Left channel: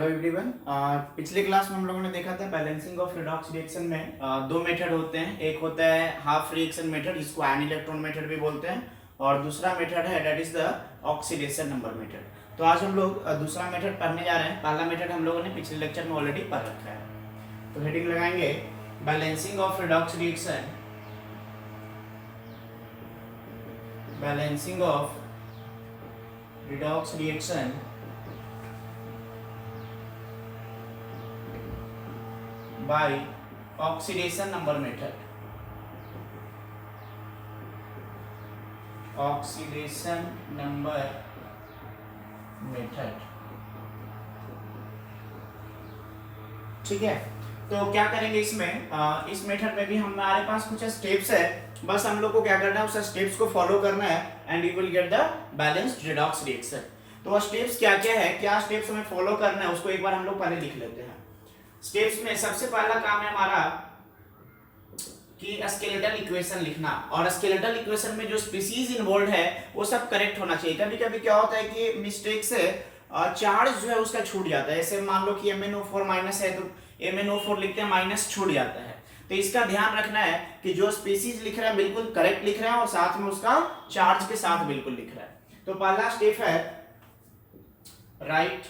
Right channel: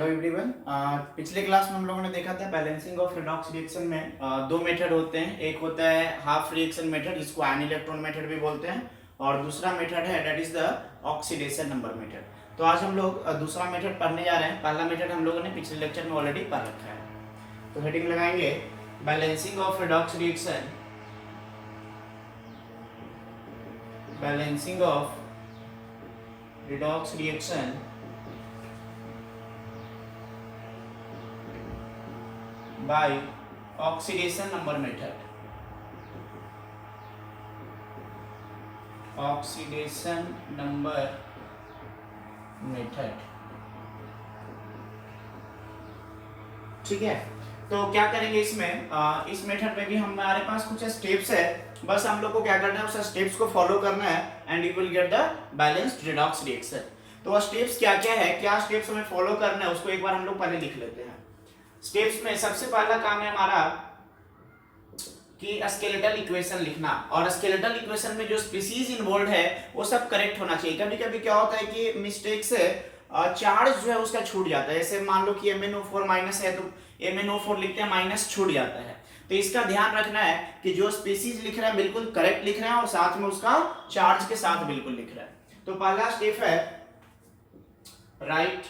Hello everyone. पिछले class में हम लोगों ने देखा था बैलेंसिंग ऑफ रिडॉक्स रिएक्शन में दो मेथड होते हैं। एक होता है हाफ रिएक्शन मेथड, जिसको आयन इलेक्ट्रॉन मेथड भी बोलते हैं, और दूसरा मेथड है that is the oxidation number method. तो आज हम लोग दूसरा मेथड पढ़ने जा रहे हैं। पहला मेथड हम लोगों ने पिछले लेक्चर में ऑलरेडी पढ़ रखा है। तो हेडिंग लगाएंगे balancing of redox reaction, balancing of redox reaction by oxidation number method। oxidation number method, ठीक है। तो क्या करेंगे इसमें, इस मेथड में भी हमारे पास कुछ स्टेप्स है। बस हम लोग को क्या करना है, उस स्टेप्स को फॉलो करना है and you will get the balanced redox reaction. तो वो स्टेप्स क्या क्या है, क्या स्टेप्स हमें फॉलो करना है, उसको एक बार हम लोग पहले लिख लेते हैं। स्टेप्स में सबसे पहला काम है हमारा कि स्केलेटल इक्वेशन लिखना, और स्केलेटल इक्वेशन में जो स्पीसीज इन्वॉल्व है वो सब करेक्ट होना चाहिए। कभी कभी क्या होता है कि मिस्टेक से चार्ज जो है उसका छूट जाता है। जैसे मान लो कि MnO4 माइनस है तो MnO4 लिखते हैं, माइनस छूट जाता है। तो इसका ध्यान रखना है कि जो स्पीसीज लिख रहा है बिल्कुल करेक्ट लिख रहे हैं और साथ में उसका चार्ज के साथ बिल्कुल लिख रहा है। तो पहला स्टेप है right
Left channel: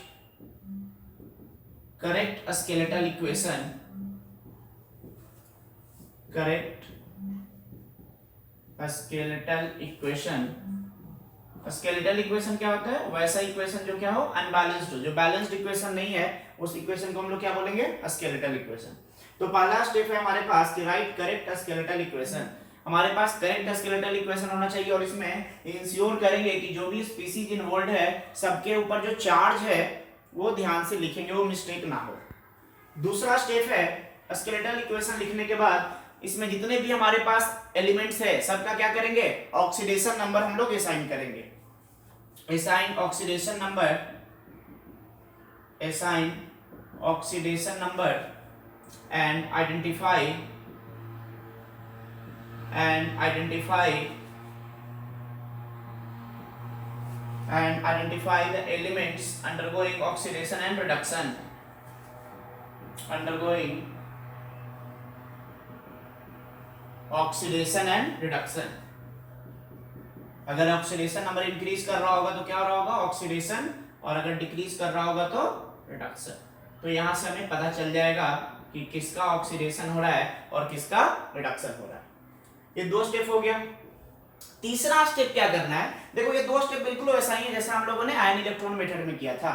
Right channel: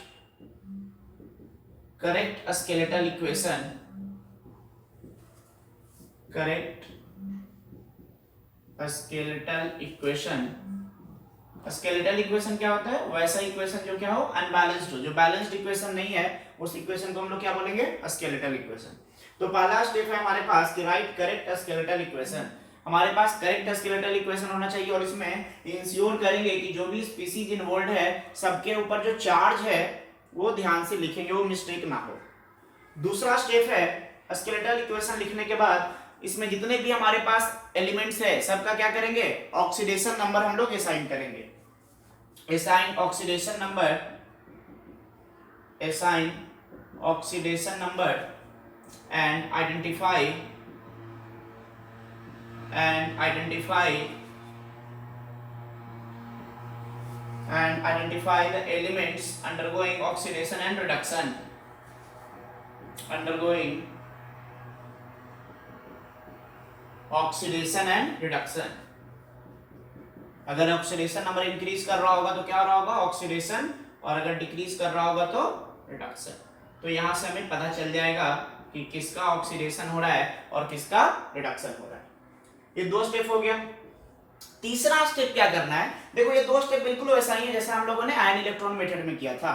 correct skeletal equation, correct skeletal equation. Skeletal equation क्या होता है, वैसा इक्वेशन जो क्या हो अनबैलेंस्ड हो, जो बैलेंस्ड इक्वेशन नहीं है उस इक्वेशन को हम लोग क्या बोलेंगे, स्केलेटल इक्वेशन। तो पहला स्टेप है हमारे पास कि राइट करेक्ट स्केलेटल इक्वेशन। हमारे पास करेक्ट स्केलेटल इक्वेशन होना चाहिए और इसमें इंश्योर करेंगे कि जो भी स्पीसीज इन्वॉल्व है सबके ऊपर जो चार्ज है वो ध्यान से लिखेंगे, वो मिस्टेक ना हो। दूसरा स्टेप है स्केलेटल इक्वेशन लिखने के बाद इसमें जितने भी हमारे पास एलिमेंट्स है सबका क्या करेंगे, ऑक्सीडेशन नंबर हम लोग असाइन करेंगे। Assign oxidation number, assign oxidation number and identify and identify the elements undergoing oxidation and reduction, undergoing oxidation and reduction। अगर ऑक्सीडेशन नंबर इंक्रीज कर रहा होगा तो क्या हो रहा होगा, ऑक्सीडेशन, और अगर डिक्रीज कर रहा होगा तो रिडक्शन। तो यहां से हमें पता चल जाएगा कि किसका ऑक्सीडेशन हो रहा है और किसका रिडक्शन हो रहा है। ये दो स्टेप हो गया। तीसरा स्टेप क्या करना है, देखो ये दो स्टेप बिल्कुल वैसा ही है जैसा हम लोगों ने आयन इलेक्ट्रॉन मेथड में किया था,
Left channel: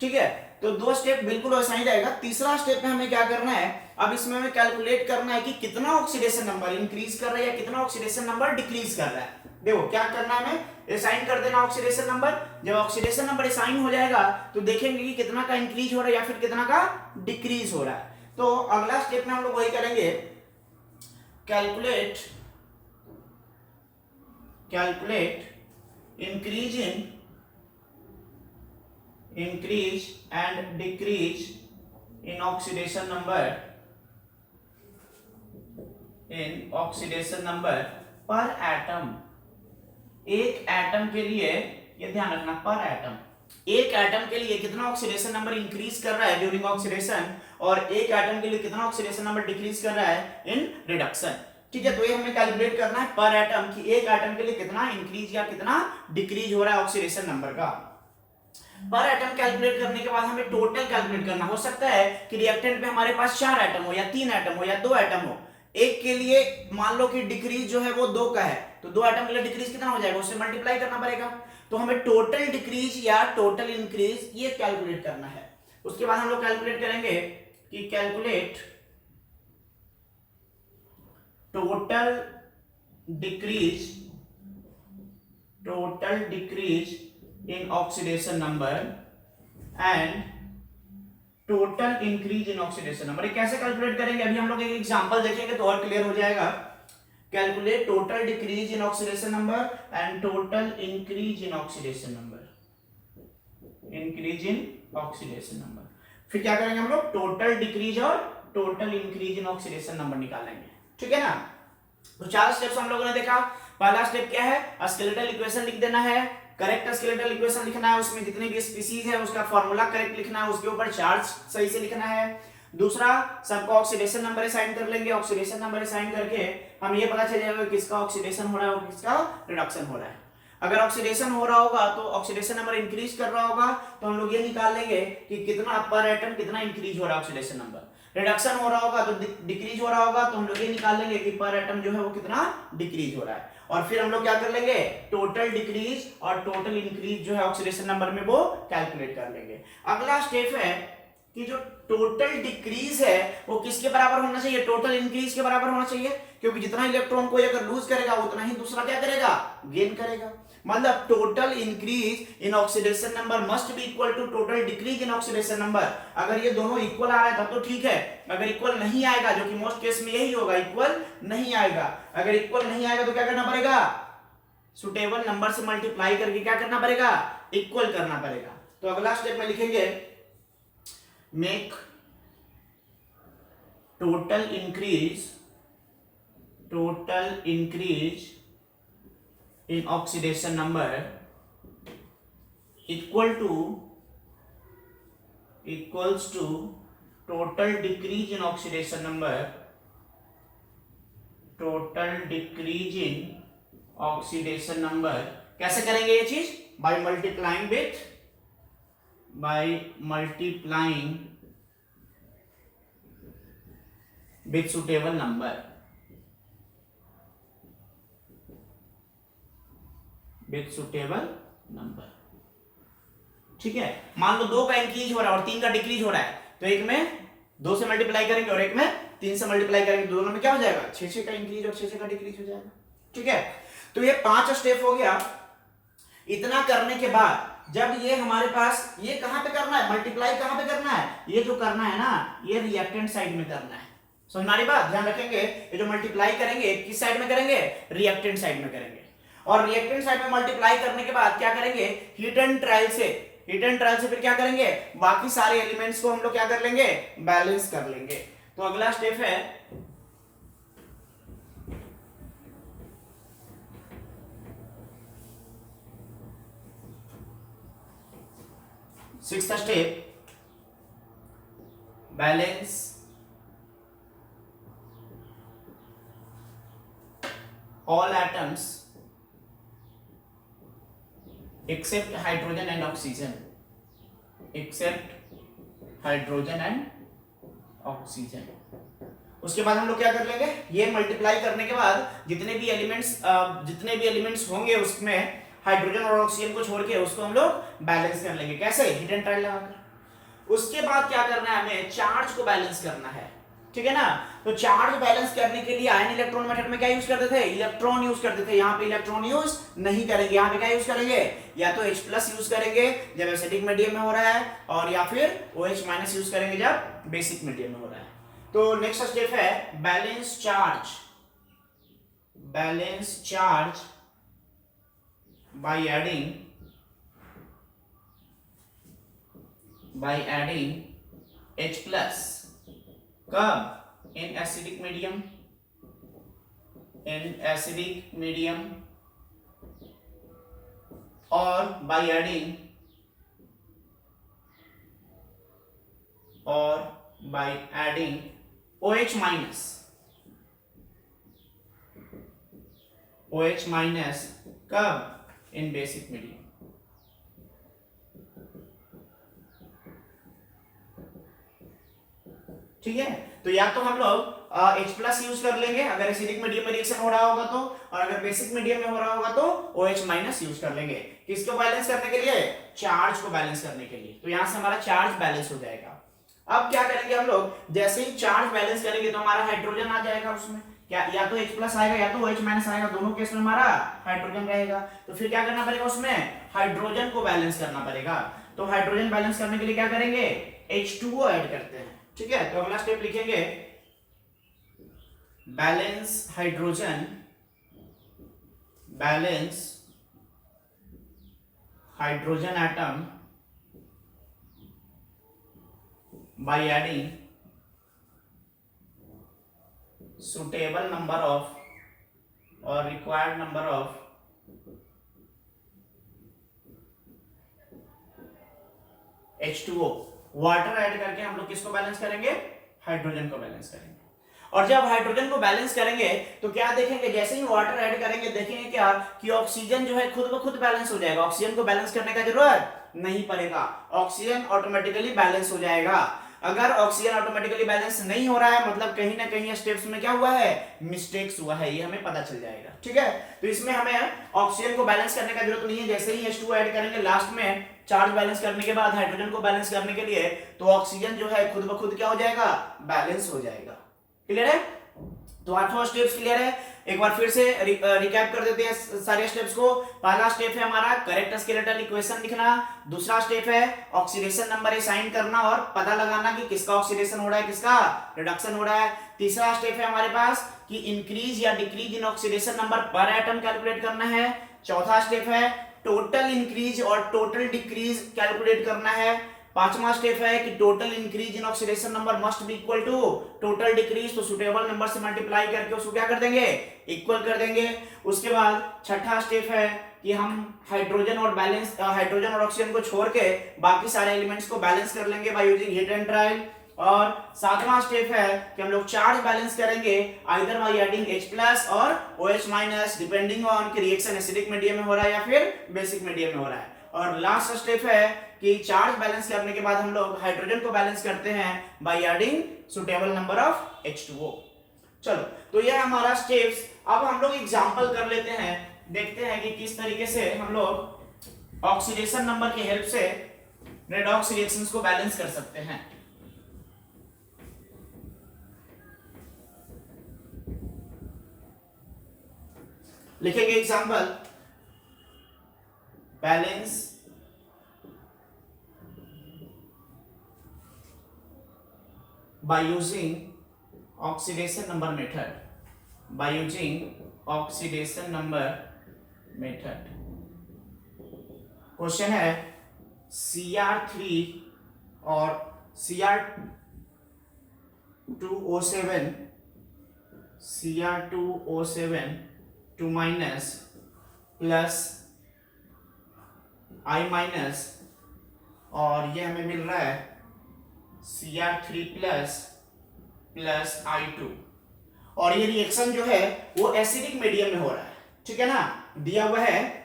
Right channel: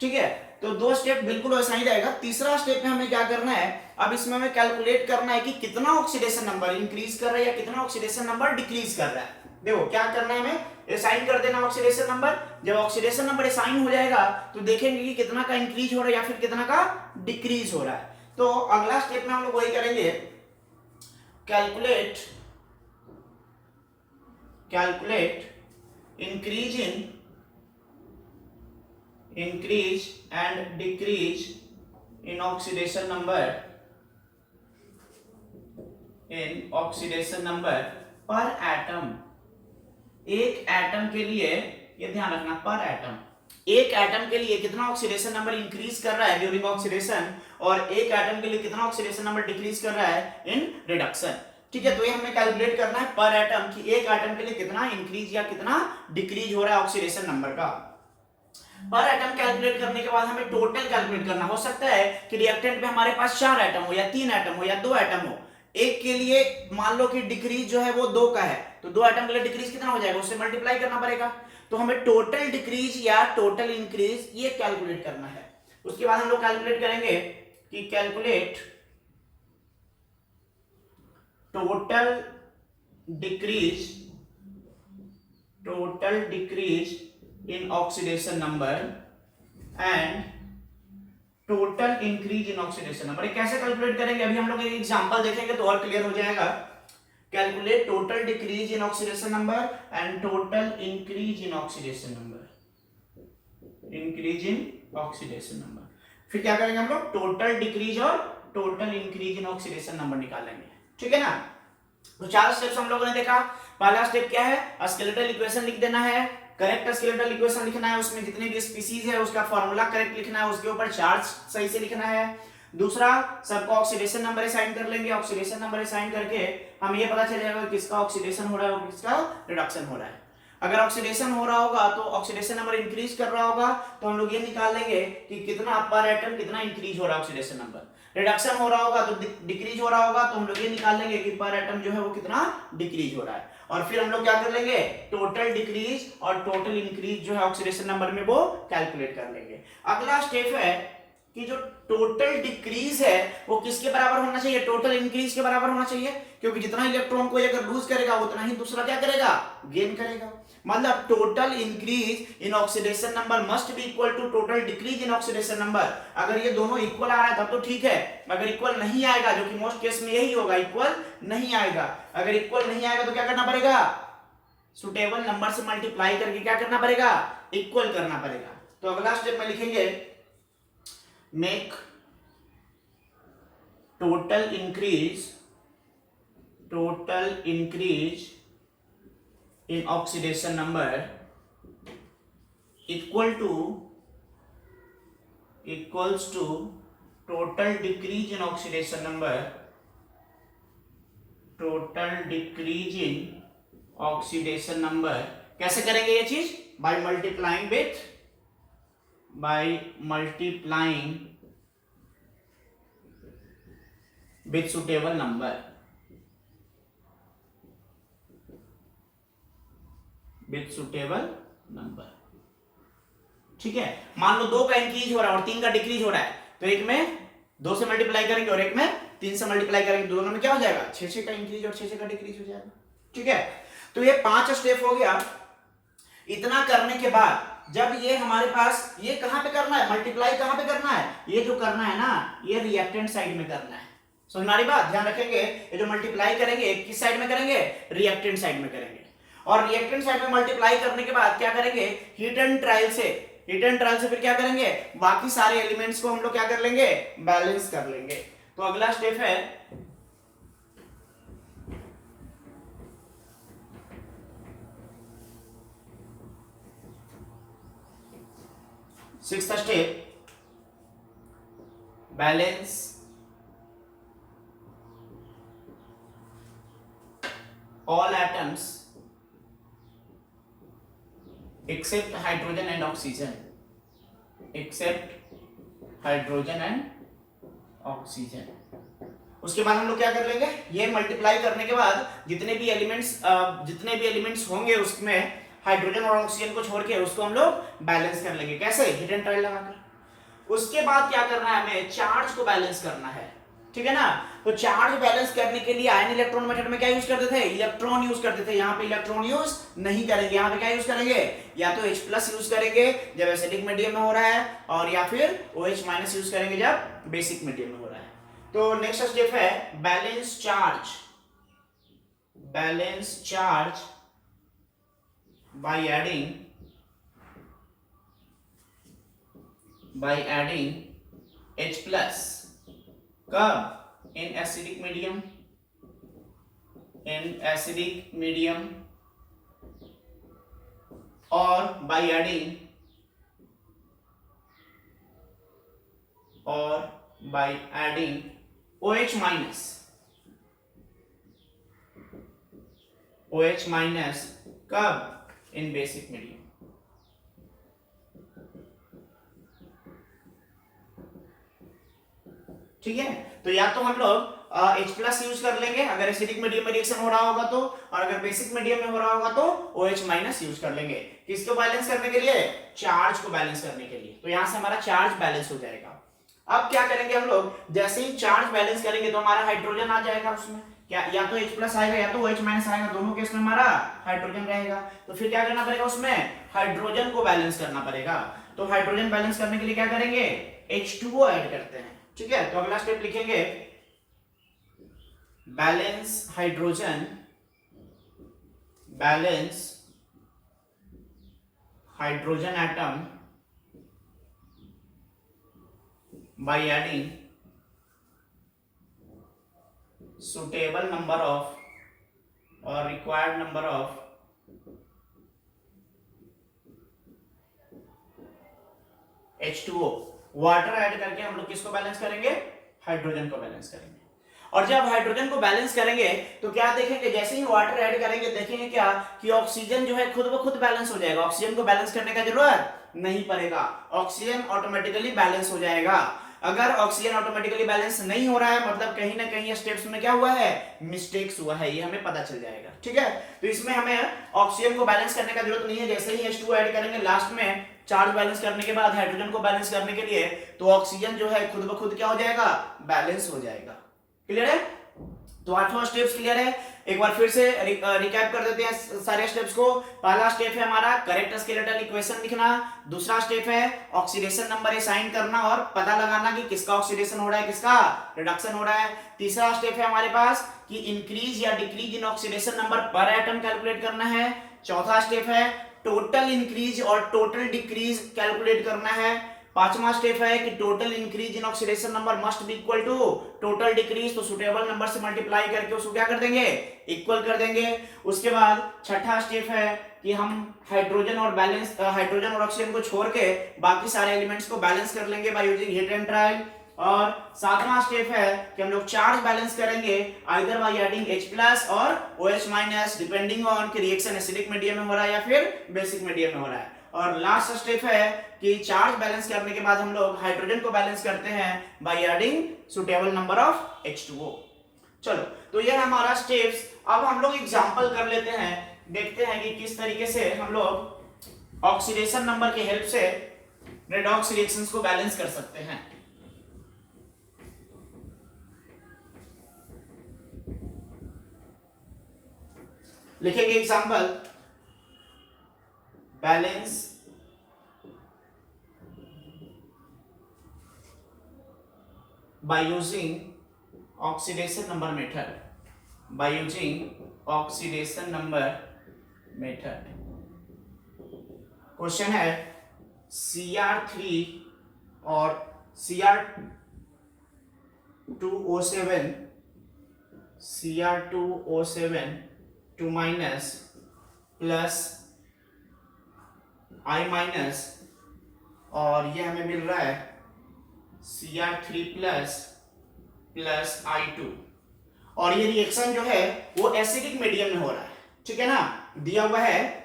ठीक है। तो दो स्टेप बिल्कुल वैसा ही रहेगा। तीसरा स्टेप में हमें क्या करना है, अब इसमें हमें कैलकुलेट करना है कि कितना ऑक्सीडेशन नंबर इंक्रीज कर रहा है या कितना ऑक्सीडेशन नंबर डिक्रीज कर रहा है। देखो क्या करना है, हमें असाइन कर देना ऑक्सीडेशन नंबर। जब ऑक्सीडेशन नंबर असाइन हो जाएगा तो देखेंगे कि कितना का इंक्रीज हो रहा है या फिर कितना का डिक्रीज हो रहा है। तो अगला स्टेप में हम लोग वही करेंगे, calculate increase and decrease in oxidation number पर एटम। एक एटम के लिए ये ध्यान रखना, पर एटम, एक एटम के लिए कितना ऑक्सीडेशन नंबर इंक्रीज कर रहा है ड्यूरिंग ऑक्सीडेशन और एक एटम के लिए कितना ऑक्सीडेशन नंबर डिक्रीज कर रहा है इन रिडक्शन, ठीक है। तो ये हमें कैलकुलेट करना है पर एटम कि एक एटम के लिए कितना इंक्रीज या कितना डिक्रीज हो रहा है ऑक्सीडेशन नंबर का। पर एटम कैलकुलेट करने के बाद हमें टोटल कैलकुलेट करना। हो सकता है कि रिएक्टेंट में हमारे पास 4 एटम हो या 3 एटम हो या 2 एटम हो। एक के लिए मान लो कि डिक्रीज जो है वो 2 का है, तो 2 एटम के लिए डिक्रीज कितना हो जाएगा, उससे मल्टीप्लाई करना पड़ेगा। तो हमें टोटल डिक्रीज या टोटल इंक्रीज ये कैलकुलेट करना है। उसके बाद हम लोग कैलकुलेट करेंगे कि calculate total decrease in oxidation number and total increase in oxidation number। कैसे कैलकुलेट करेंगे, अभी हम लोग एक एग्जांपल देखेंगे तो और क्लियर हो जाएगा। Calculate total decrease in oxidation number and total increase in oxidation number, increase in oxidation number. फिर क्या करेंगे हम लोग, टोटल डिक्रीज और total increase in oxidation number निकालेंगे, ठीक है ना। तो 4 स्टेप्स हम लोगों ने देखा। पहला स्टेप क्या है, स्केलेटल इक्वेशन लिख देना है, करेक्ट स्केलेटल इक्वेशन लिखना है, उसमें जितने भी स्पीसीज है उसका फॉर्मूला करेक्ट लिखना है, उसके ऊपर चार्ज सही से लिखना है। दूसरा, सबका ऑक्सीडेशन नंबर असाइन कर लेंगे। ऑक्सीडेशन नंबर असाइन करके हम ये पता चल जाएगा किसका ऑक्सीडेशन हो रहा है और किसका रिडक्शन हो रहा है। अगर ऑक्सीडेशन हो रहा होगा तो ऑक्सीडेशन नंबर इंक्रीज कर रहा होगा तो हम लोग ये निकाल लेंगे कि कितना पर एटम कितना इंक्रीज हो रहा है ऑक्सीडेशन नंबर। रिडक्शन हो रहा होगा तो डिक्रीज हो रहा होगा तो हम लोग ये निकाल लेंगे कि पर एटम जो है वो कितना डिक्रीज हो रहा है। और फिर हम लोग क्या कर लेंगे, टोटल डिक्रीज और टोटल इंक्रीज जो है ऑक्सीडेशन नंबर में वो कैलकुलेट कर लेंगे। अगला स्टेप है कि जो टोटल डिक्रीज है वो किसके बराबर होना चाहिए, टोटल इंक्रीज के बराबर होना चाहिए, क्योंकि जितना इलेक्ट्रॉन कोई अगर लूज करेगा उतना ही दूसरा क्या करेगा, गेन करेगा। मतलब total increase in oxidation number must be equal to total decrease in oxidation number. अगर ये दोनों इक्वल आ रहा है तब तो ठीक है, अगर इक्वल नहीं आएगा, जो कि मोस्ट केस में यही होगा, इक्वल नहीं आएगा, अगर इक्वल नहीं आएगा तो क्या करना पड़ेगा, सुटेबल नंबर से मल्टीप्लाई करके क्या करना पड़ेगा, इक्वल करना पड़ेगा। तो अगला स्टेप में लिखेंगे make total increase in oxidation number equals to total decrease in oxidation number, कैसे करेंगे ये चीज, by multiplying with suitable number, ठीक है। मान लो 2 का इंक्रीज हो रहा है और 3 का डिक्रीज हो रहा है, तो एक में 2 से मल्टीप्लाई करेंगे और एक में 3 से मल्टीप्लाई करेंगे, दोनों में क्या हो जाएगा, 6 का इंक्रीज और 6 का डिक्रीज हो जाएगा, ठीक है। तो ये 5 स्टेप हो गया। इतना करने के बाद जब ये हमारे पास, ये कहां पे करना है, मल्टीप्लाई कहां पे करना है, ये जो करना है ना, ये रिएक्टेंट साइड में करना है। समझ हमारी बात, ध्यान रखेंगे, ये जो मल्टीप्लाई करेंगे किस साइड में करेंगे, रिएक्टेंट साइड में करेंगे। और रिएक्टेंट साइड में मल्टीप्लाई करने के बाद क्या करेंगे, हीट एंड ट्रायल से फिर क्या करेंगे, बाकी सारे एलिमेंट्स को हम लोग क्या कर लेंगे, बैलेंस कर लेंगे। तो अगला स्टेप है sixth step, balance all atoms except hydrogen and oxygen, उसके बाद हम लोग क्या कर लेंगे, ये मल्टीप्लाई करने के बाद जितने भी एलिमेंट्स होंगे उसमें हाइड्रोजन और ऑक्सीजन को छोड़ के उसको हम लोग बैलेंस कर लेंगे। कैसे, हिट एंड ट्रायल लगाकर। उसके बाद क्या करना है, हमें चार्ज को बैलेंस करना है, ठीक है ना। तो चार्ज बैलेंस करने के लिए आयन इलेक्ट्रॉन मेथड में क्या यूज करते थे, इलेक्ट्रॉन यूज करते थे। यहाँ पे इलेक्ट्रॉन यूज नहीं करेंगे, यहाँ पे क्या यूज करेंगे, या तो H+ यूज करेंगे जब एसिडिक मीडियम में हो रहा है, और या फिर OH- यूज करेंगे जब बेसिक मीडियम में हो रहा है। तो नेक्स्ट स्टेप है balance charge by adding H+, कब, इन एसिडिक मीडियम, और बाय एडिंग OH- कब, इन बेसिक मीडियम। ठीक है, तो या तो हम लोग H+ यूज कर लेंगे अगर एसिडिक मीडियम में रिएक्शन हो रहा होगा तो, और अगर बेसिक मीडियम में हो रहा होगा तो OH- यूज कर लेंगे। किसको बैलेंस करने के लिए, चार्ज को बैलेंस करने के लिए। तो यहां से हमारा चार्ज बैलेंस हो जाएगा। अब क्या करेंगे हम लोग, जैसे ही चार्ज बैलेंस करेंगे तो हमारा हाइड्रोजन आ जाएगा उसमें, क्या या तो H+ आएगा या तो OH- आएगा, दोनों केस में हमारा हाइड्रोजन रहेगा। तो फिर क्या करना पड़ेगा, उसमें हाइड्रोजन को बैलेंस करना पड़ेगा। तो हाइड्रोजन बैलेंस करने के लिए क्या करेंगे, H2O ऐड करते हैं, ठीक है। तो अगला स्टेप लिखेंगे balance hydrogen atom by adding suitable number of or required number of H2O। Water add करके हम लोग किसको बैलेंस करेंगे? हाइड्रोजन को बैलेंस करेंगे। और जब हाइड्रोजन को बैलेंस करेंगे तो क्या देखेंगे, जैसे ही वाटर ऐड करेंगे देखेंगे क्या कि ऑक्सीजन जो है खुद ब खुद बैलेंस हो जाएगा। ऑक्सीजन को बैलेंस करने का जरूरत नहीं पड़ेगा, ऑक्सीजन ऑटोमेटिकली बैलेंस हो जाएगा। अगर ऑक्सीजन ऑटोमेटिकली बैलेंस नहीं हो रहा है मतलब कहीं ना कहीं स्टेप्स में क्या हुआ है, मिस्टेक्स हुआ है, ये हमें पता चल जाएगा। ठीक है, तो इसमें हमें ऑक्सीजन को बैलेंस करने का जरूरत नहीं है। जैसे ही H2O ऐड करेंगे लास्ट में चार्ज बैलेंस करने के बाद हाइड्रोजन को बैलेंस करने के लिए, तो ऑक्सीजन जो है खुद ब खुद क्या हो जाएगा, बैलेंस हो जाएगा। क्लियर है? तो 8वां स्टेप्स क्लियर है। एक बार फिर से रिकैप कर देते हैं सारे स्टेप्स को। पहला स्टेप है हमारा करेक्ट स्केलेटल इक्वेशन लिखना। दूसरा स्टेप है ऑक्सीडेशन नंबर असाइन करना और पता लगाना कि किसका ऑक्सीडेशन हो रहा है, किसका रिडक्शन हो रहा है। तीसरा स्टेप है हमारे पास कि इंक्रीज या decrease in oxidation number per atom calculate करना है। चौथा स्टेप है टोटल इंक्रीज और टोटल डिक्रीज कैलकुलेट करना है। पांचवा स्टेप है कि total increase in oxidation number must be equal to total decrease, तो सुटेबल नंबर से मल्टीप्लाई करके उसको क्या कर देंगे, इक्वल कर देंगे। उसके बाद छठा स्टेप है कि हम हाइड्रोजन और ऑक्सीजन को छोड़ के बाकी सारे एलिमेंट्स को बैलेंस कर लेंगे by using hit and trial. और सातवां स्टेप है कि हम लोग चार्ज बैलेंस करेंगे आइदर बाय एडिंग H+ और OH- डिपेंडिंग ऑन कि रिएक्शन एसिडिक मीडियम में हो रहा है या फिर बेसिक मीडियम में हो रहा है। और लास्ट स्टेप है कि चार्ज बैलेंस करने के बाद हम लोग हाइड्रोजन को बैलेंस करते हैं by adding suitable number of H2O। चलो, तो यह हमारा स्टेप्स। अब हम लोग एग्जांपल कर लेते हैं, देखते हैं कि किस तरीके से हम लोग ऑक्सीडेशन नंबर की हेल्प से रेडॉक्स रिएक्शंस को बैलेंस कर सकते हैं। लिखेंगे example, balance by using oxidation number method, by using oxidation number method। Question है Cr3 और Cr2O7 2 minus plus I minus, और ये हमें मिल रहा है Cr3 प्लस I2, और ये रिएक्शन जो है वो एसिडिक मीडियम में हो रहा है। ठीक है ना, दिया हुआ है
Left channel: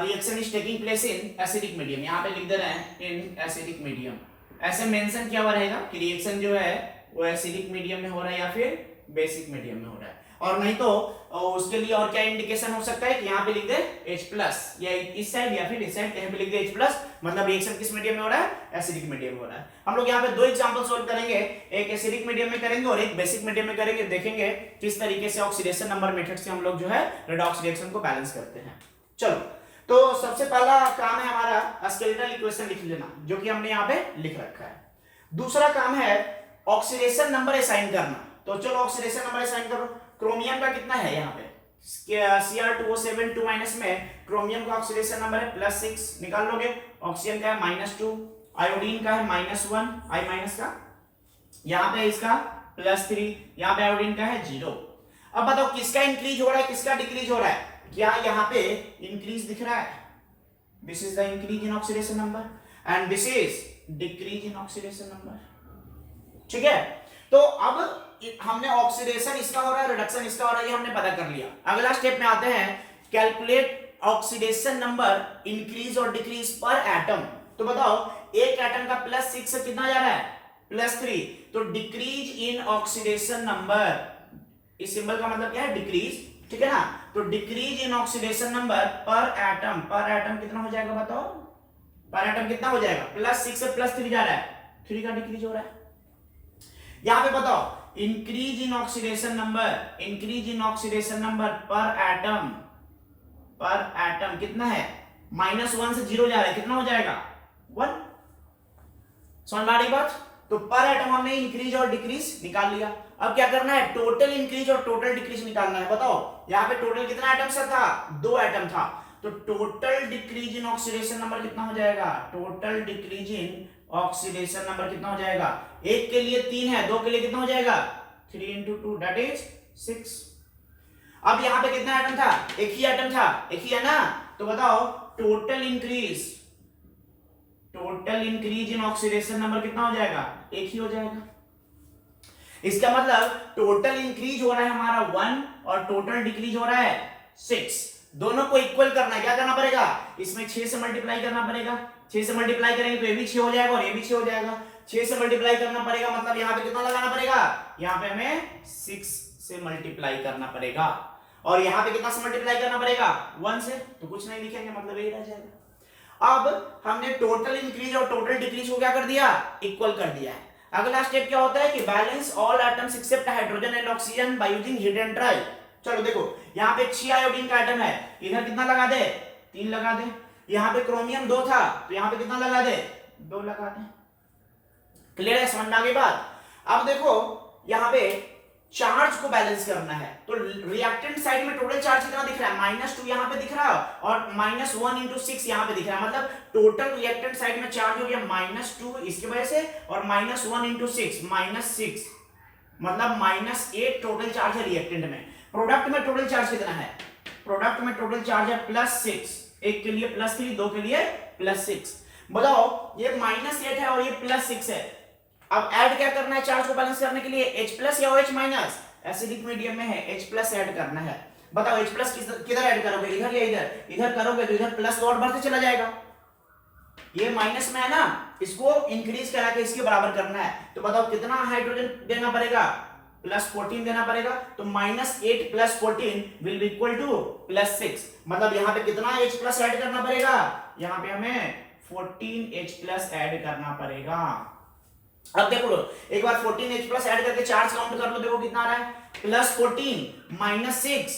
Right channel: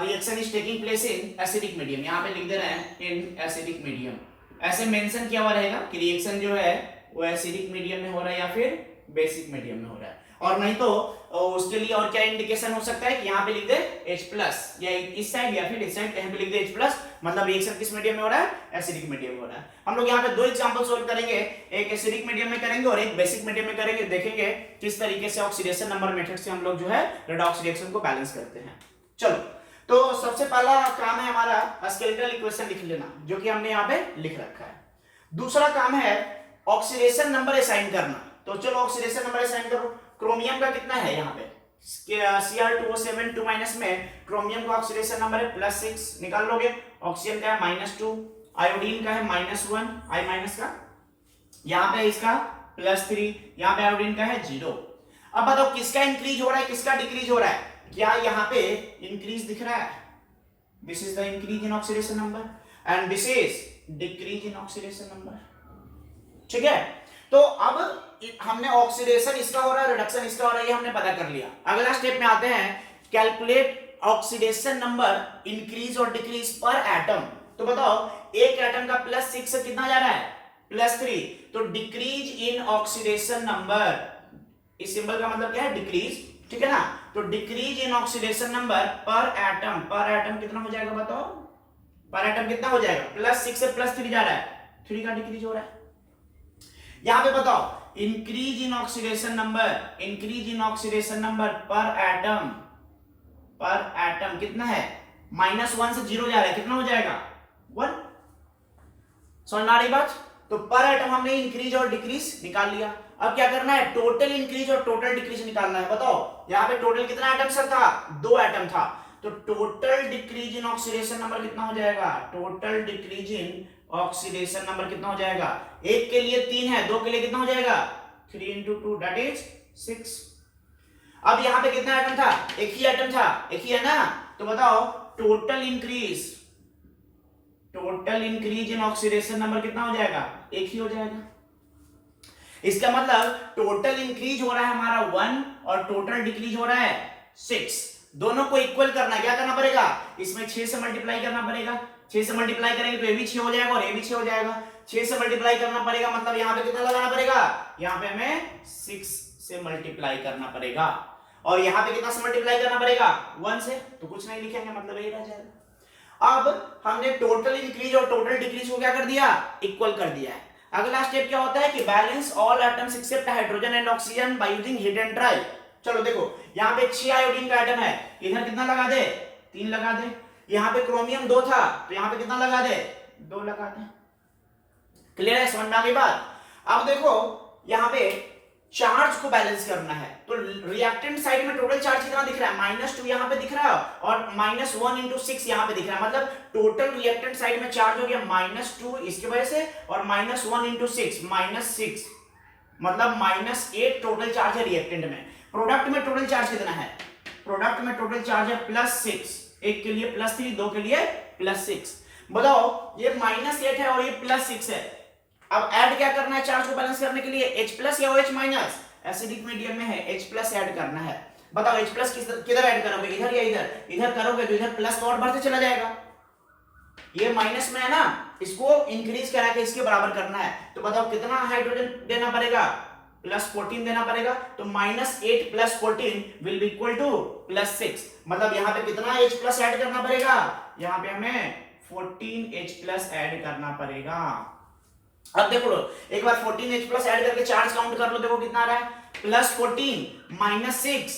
reaction is taking place in acidic medium, यहाँ पे लिख दे रहे हैं इन एसिडिक मीडियम। ऐसे मेंशन किया हुआ रहेगा कि रिएक्शन जो है वो एसिडिक मीडियम में हो रहा है या फिर बेसिक मीडियम में हो रहा है। और नहीं तो उसके लिए और क्या इंडिकेशन हो सकता है कि यहाँ पे लिख दे H+, या इस साइड या फिर इस साइड कहीं पे लिख दे H+, मतलब रिएक्शन किस मीडियम में हो रहा है, एसिडिक मीडियम में हो रहा है। हम लोग यहाँ पे दो एग्जांपल सोल्व करेंगे, एक एसिडिक मीडियम में करेंगे और एक बेसिक मीडियम में करेंगे। देखेंगे किस तरीके से ऑक्सीडेशन नंबर मेथड से हम लोग जो है रेडॉक्स रिएक्शन को बैलेंस करते हैं। चलो, तो सबसे पहला काम है हमारा स्केलेटल इक्वेशन लिख लेना, जो कि हमने यहाँ पे लिख रखा है। दूसरा काम है ऑक्सीडेशन नंबर असाइन करना। तो चलो ऑक्सीडेशन नंबर असाइन करो। क्रोमियम का कितना है यहाँ पे, Cr2O7 2 माइनस में क्रोमियम का ऑक्सीडेशन नंबर है +6, निकाल लोगे। ऑक्सीजन का है -2, आयोडीन का है -1, I माइनस का, यहाँ पे इसका +3, यहाँ पे आयोडीन का है 0। अब बताओ किसका इंक्रीज हो रहा है, किसका डिक्रीज हो रहा है। क्या यहाँ पे इंक्रीज दिख रहा है, this is the increase in oxidation number and this is decrease in oxidation number. ठीक है, तो अब हमने ऑक्सीडेशन इसका हो रहा है, रिडक्शन इसका हो रहा है, ये हमने पता कर लिया। अगला स्टेप में आते हैं, कैलकुलेट ऑक्सीडेशन नंबर इंक्रीज और डिक्रीज पर एटम। तो बताओ एक एटम का +6 से कितना जा रहा है, +3, तो डिक्रीज इन ऑक्सीडेशन नंबर, इस सिंबल का मतलब क्या है, डिक्रीज। ठीक है ना, तो decrease in oxidation number per atom कितना हो जाएगा बताओ, पर एटम कितना हो जाएगा, +6 से +3 जा रहा है, 3 का डिक्रीज हो रहा है। यहां पे बताओ increase in oxidation number per atom कितना है, -1 से 0 जा रहा है, कितना हो जाएगा 1। समझ में आ रही बात। तो पर एटम हमने इंक्रीज और डिक्रीज निकाल लिया। अब क्या करना है, टोटल इंक्रीज और टोटल डिक्रीज निकालना है। बताओ यहाँ पे टोटल कितना एटम सर था, 2 एटम था, तो total decrease in oxidation number कितना हो जाएगा, total decrease in oxidation number कितना हो जाएगा, एक के लिए 3 है, 2 के लिए कितना हो जाएगा 3 × 2 दैट इज 6। अब यहाँ पे कितना एटम था, एक ही एटम था, एक ही है ना, तो बताओ total total increase in oxidation number कितना हो जाएगा, एक ही हो जाएगा। इसका मतलब टोटल इंक्रीज हो रहा है हमारा 1 और टोटल डिक्रीज हो रहा है 6। दोनों को इक्वल करना, क्या करना पड़ेगा, इसमें 6 से मल्टीप्लाई करना पड़ेगा। 6 से मल्टीप्लाई करेंगे तो ये भी 6 हो जाएगा और ये भी 6 हो जाएगा। 6 से मल्टीप्लाई करना पड़ेगा मतलब यहाँ पे कितना लगाना पड़ेगा, यहाँ पे हमें 6 से मल्टीप्लाई करना पड़ेगा और यहाँ पे कितना से मल्टीप्लाई करना पड़ेगा, 1 से। तो कुछ नहीं लिखेंगे, मतलब यही रह जाएगा। अब हमने टोटल इंक्रीज और टोटल डिक्रीज को क्या कर दिया, इक्वल कर दिया है। अगला स्टेप क्या होता है कि balance all atoms except hydrogen and oxygen by using hit and try. चलो देखो यहाँ पे 6 आयोडीन का एटम है, इधर कितना लगा दे, 3 लगा दे। यहाँ पे क्रोमियम 2 था तो यहाँ पे कितना लगा दे, 2 लगा दे। क्लियर है, समझ में आ गई बात। अब देखो यहाँ पे चार्ज को बैलेंस करना है तो रिएक्टेंट साइड में टोटल चार्ज कितना दिख रहा है, -2 यहाँ पे दिख रहा है और -1 × 6 यहाँ पे दिख रहा है। मतलब टोटल रिएक्टेंट साइड में चार्ज हो गया -2 इसकी वजह से और -1 × 6 -6, मतलब -8 टोटल चार्ज है रिएक्टेंट में। प्रोडक्ट में टोटल चार्ज कितना है, प्रोडक्ट में टोटल चार्ज है +6, एक के लिए +3, दो के लिए +6। बताओ ये -8 है और ये +6 है। अब ऐड क्या करना है चार्ज को बैलेंस करने के लिए, H+ या OH-, एसिडिक मीडियम में है H+ ऐड करना है। बताओ H+ किधर ऐड करोगे, इधर या इधर, इधर करोगे तो इधर प्लस तो और बढ़ते चला जाएगा। ये माइनस में है ना, इसको इंक्रीज करा के इसके बराबर करना है। तो बताओ कितना हाइड्रोजन देना पड़ेगा, +14 देना पड़ेगा। तो -8 + 14 विल बी इक्वल टू +6। मतलब यहाँ पे कितना H+ ऐड करना पड़ेगा, यहाँ पे हमें 14 H+ ऐड करना पड़ेगा। अब देखो एक बार 14 H+ ऐड करके चार्ज काउंट कर लो, देखो कितना आ रहा है, +14 -6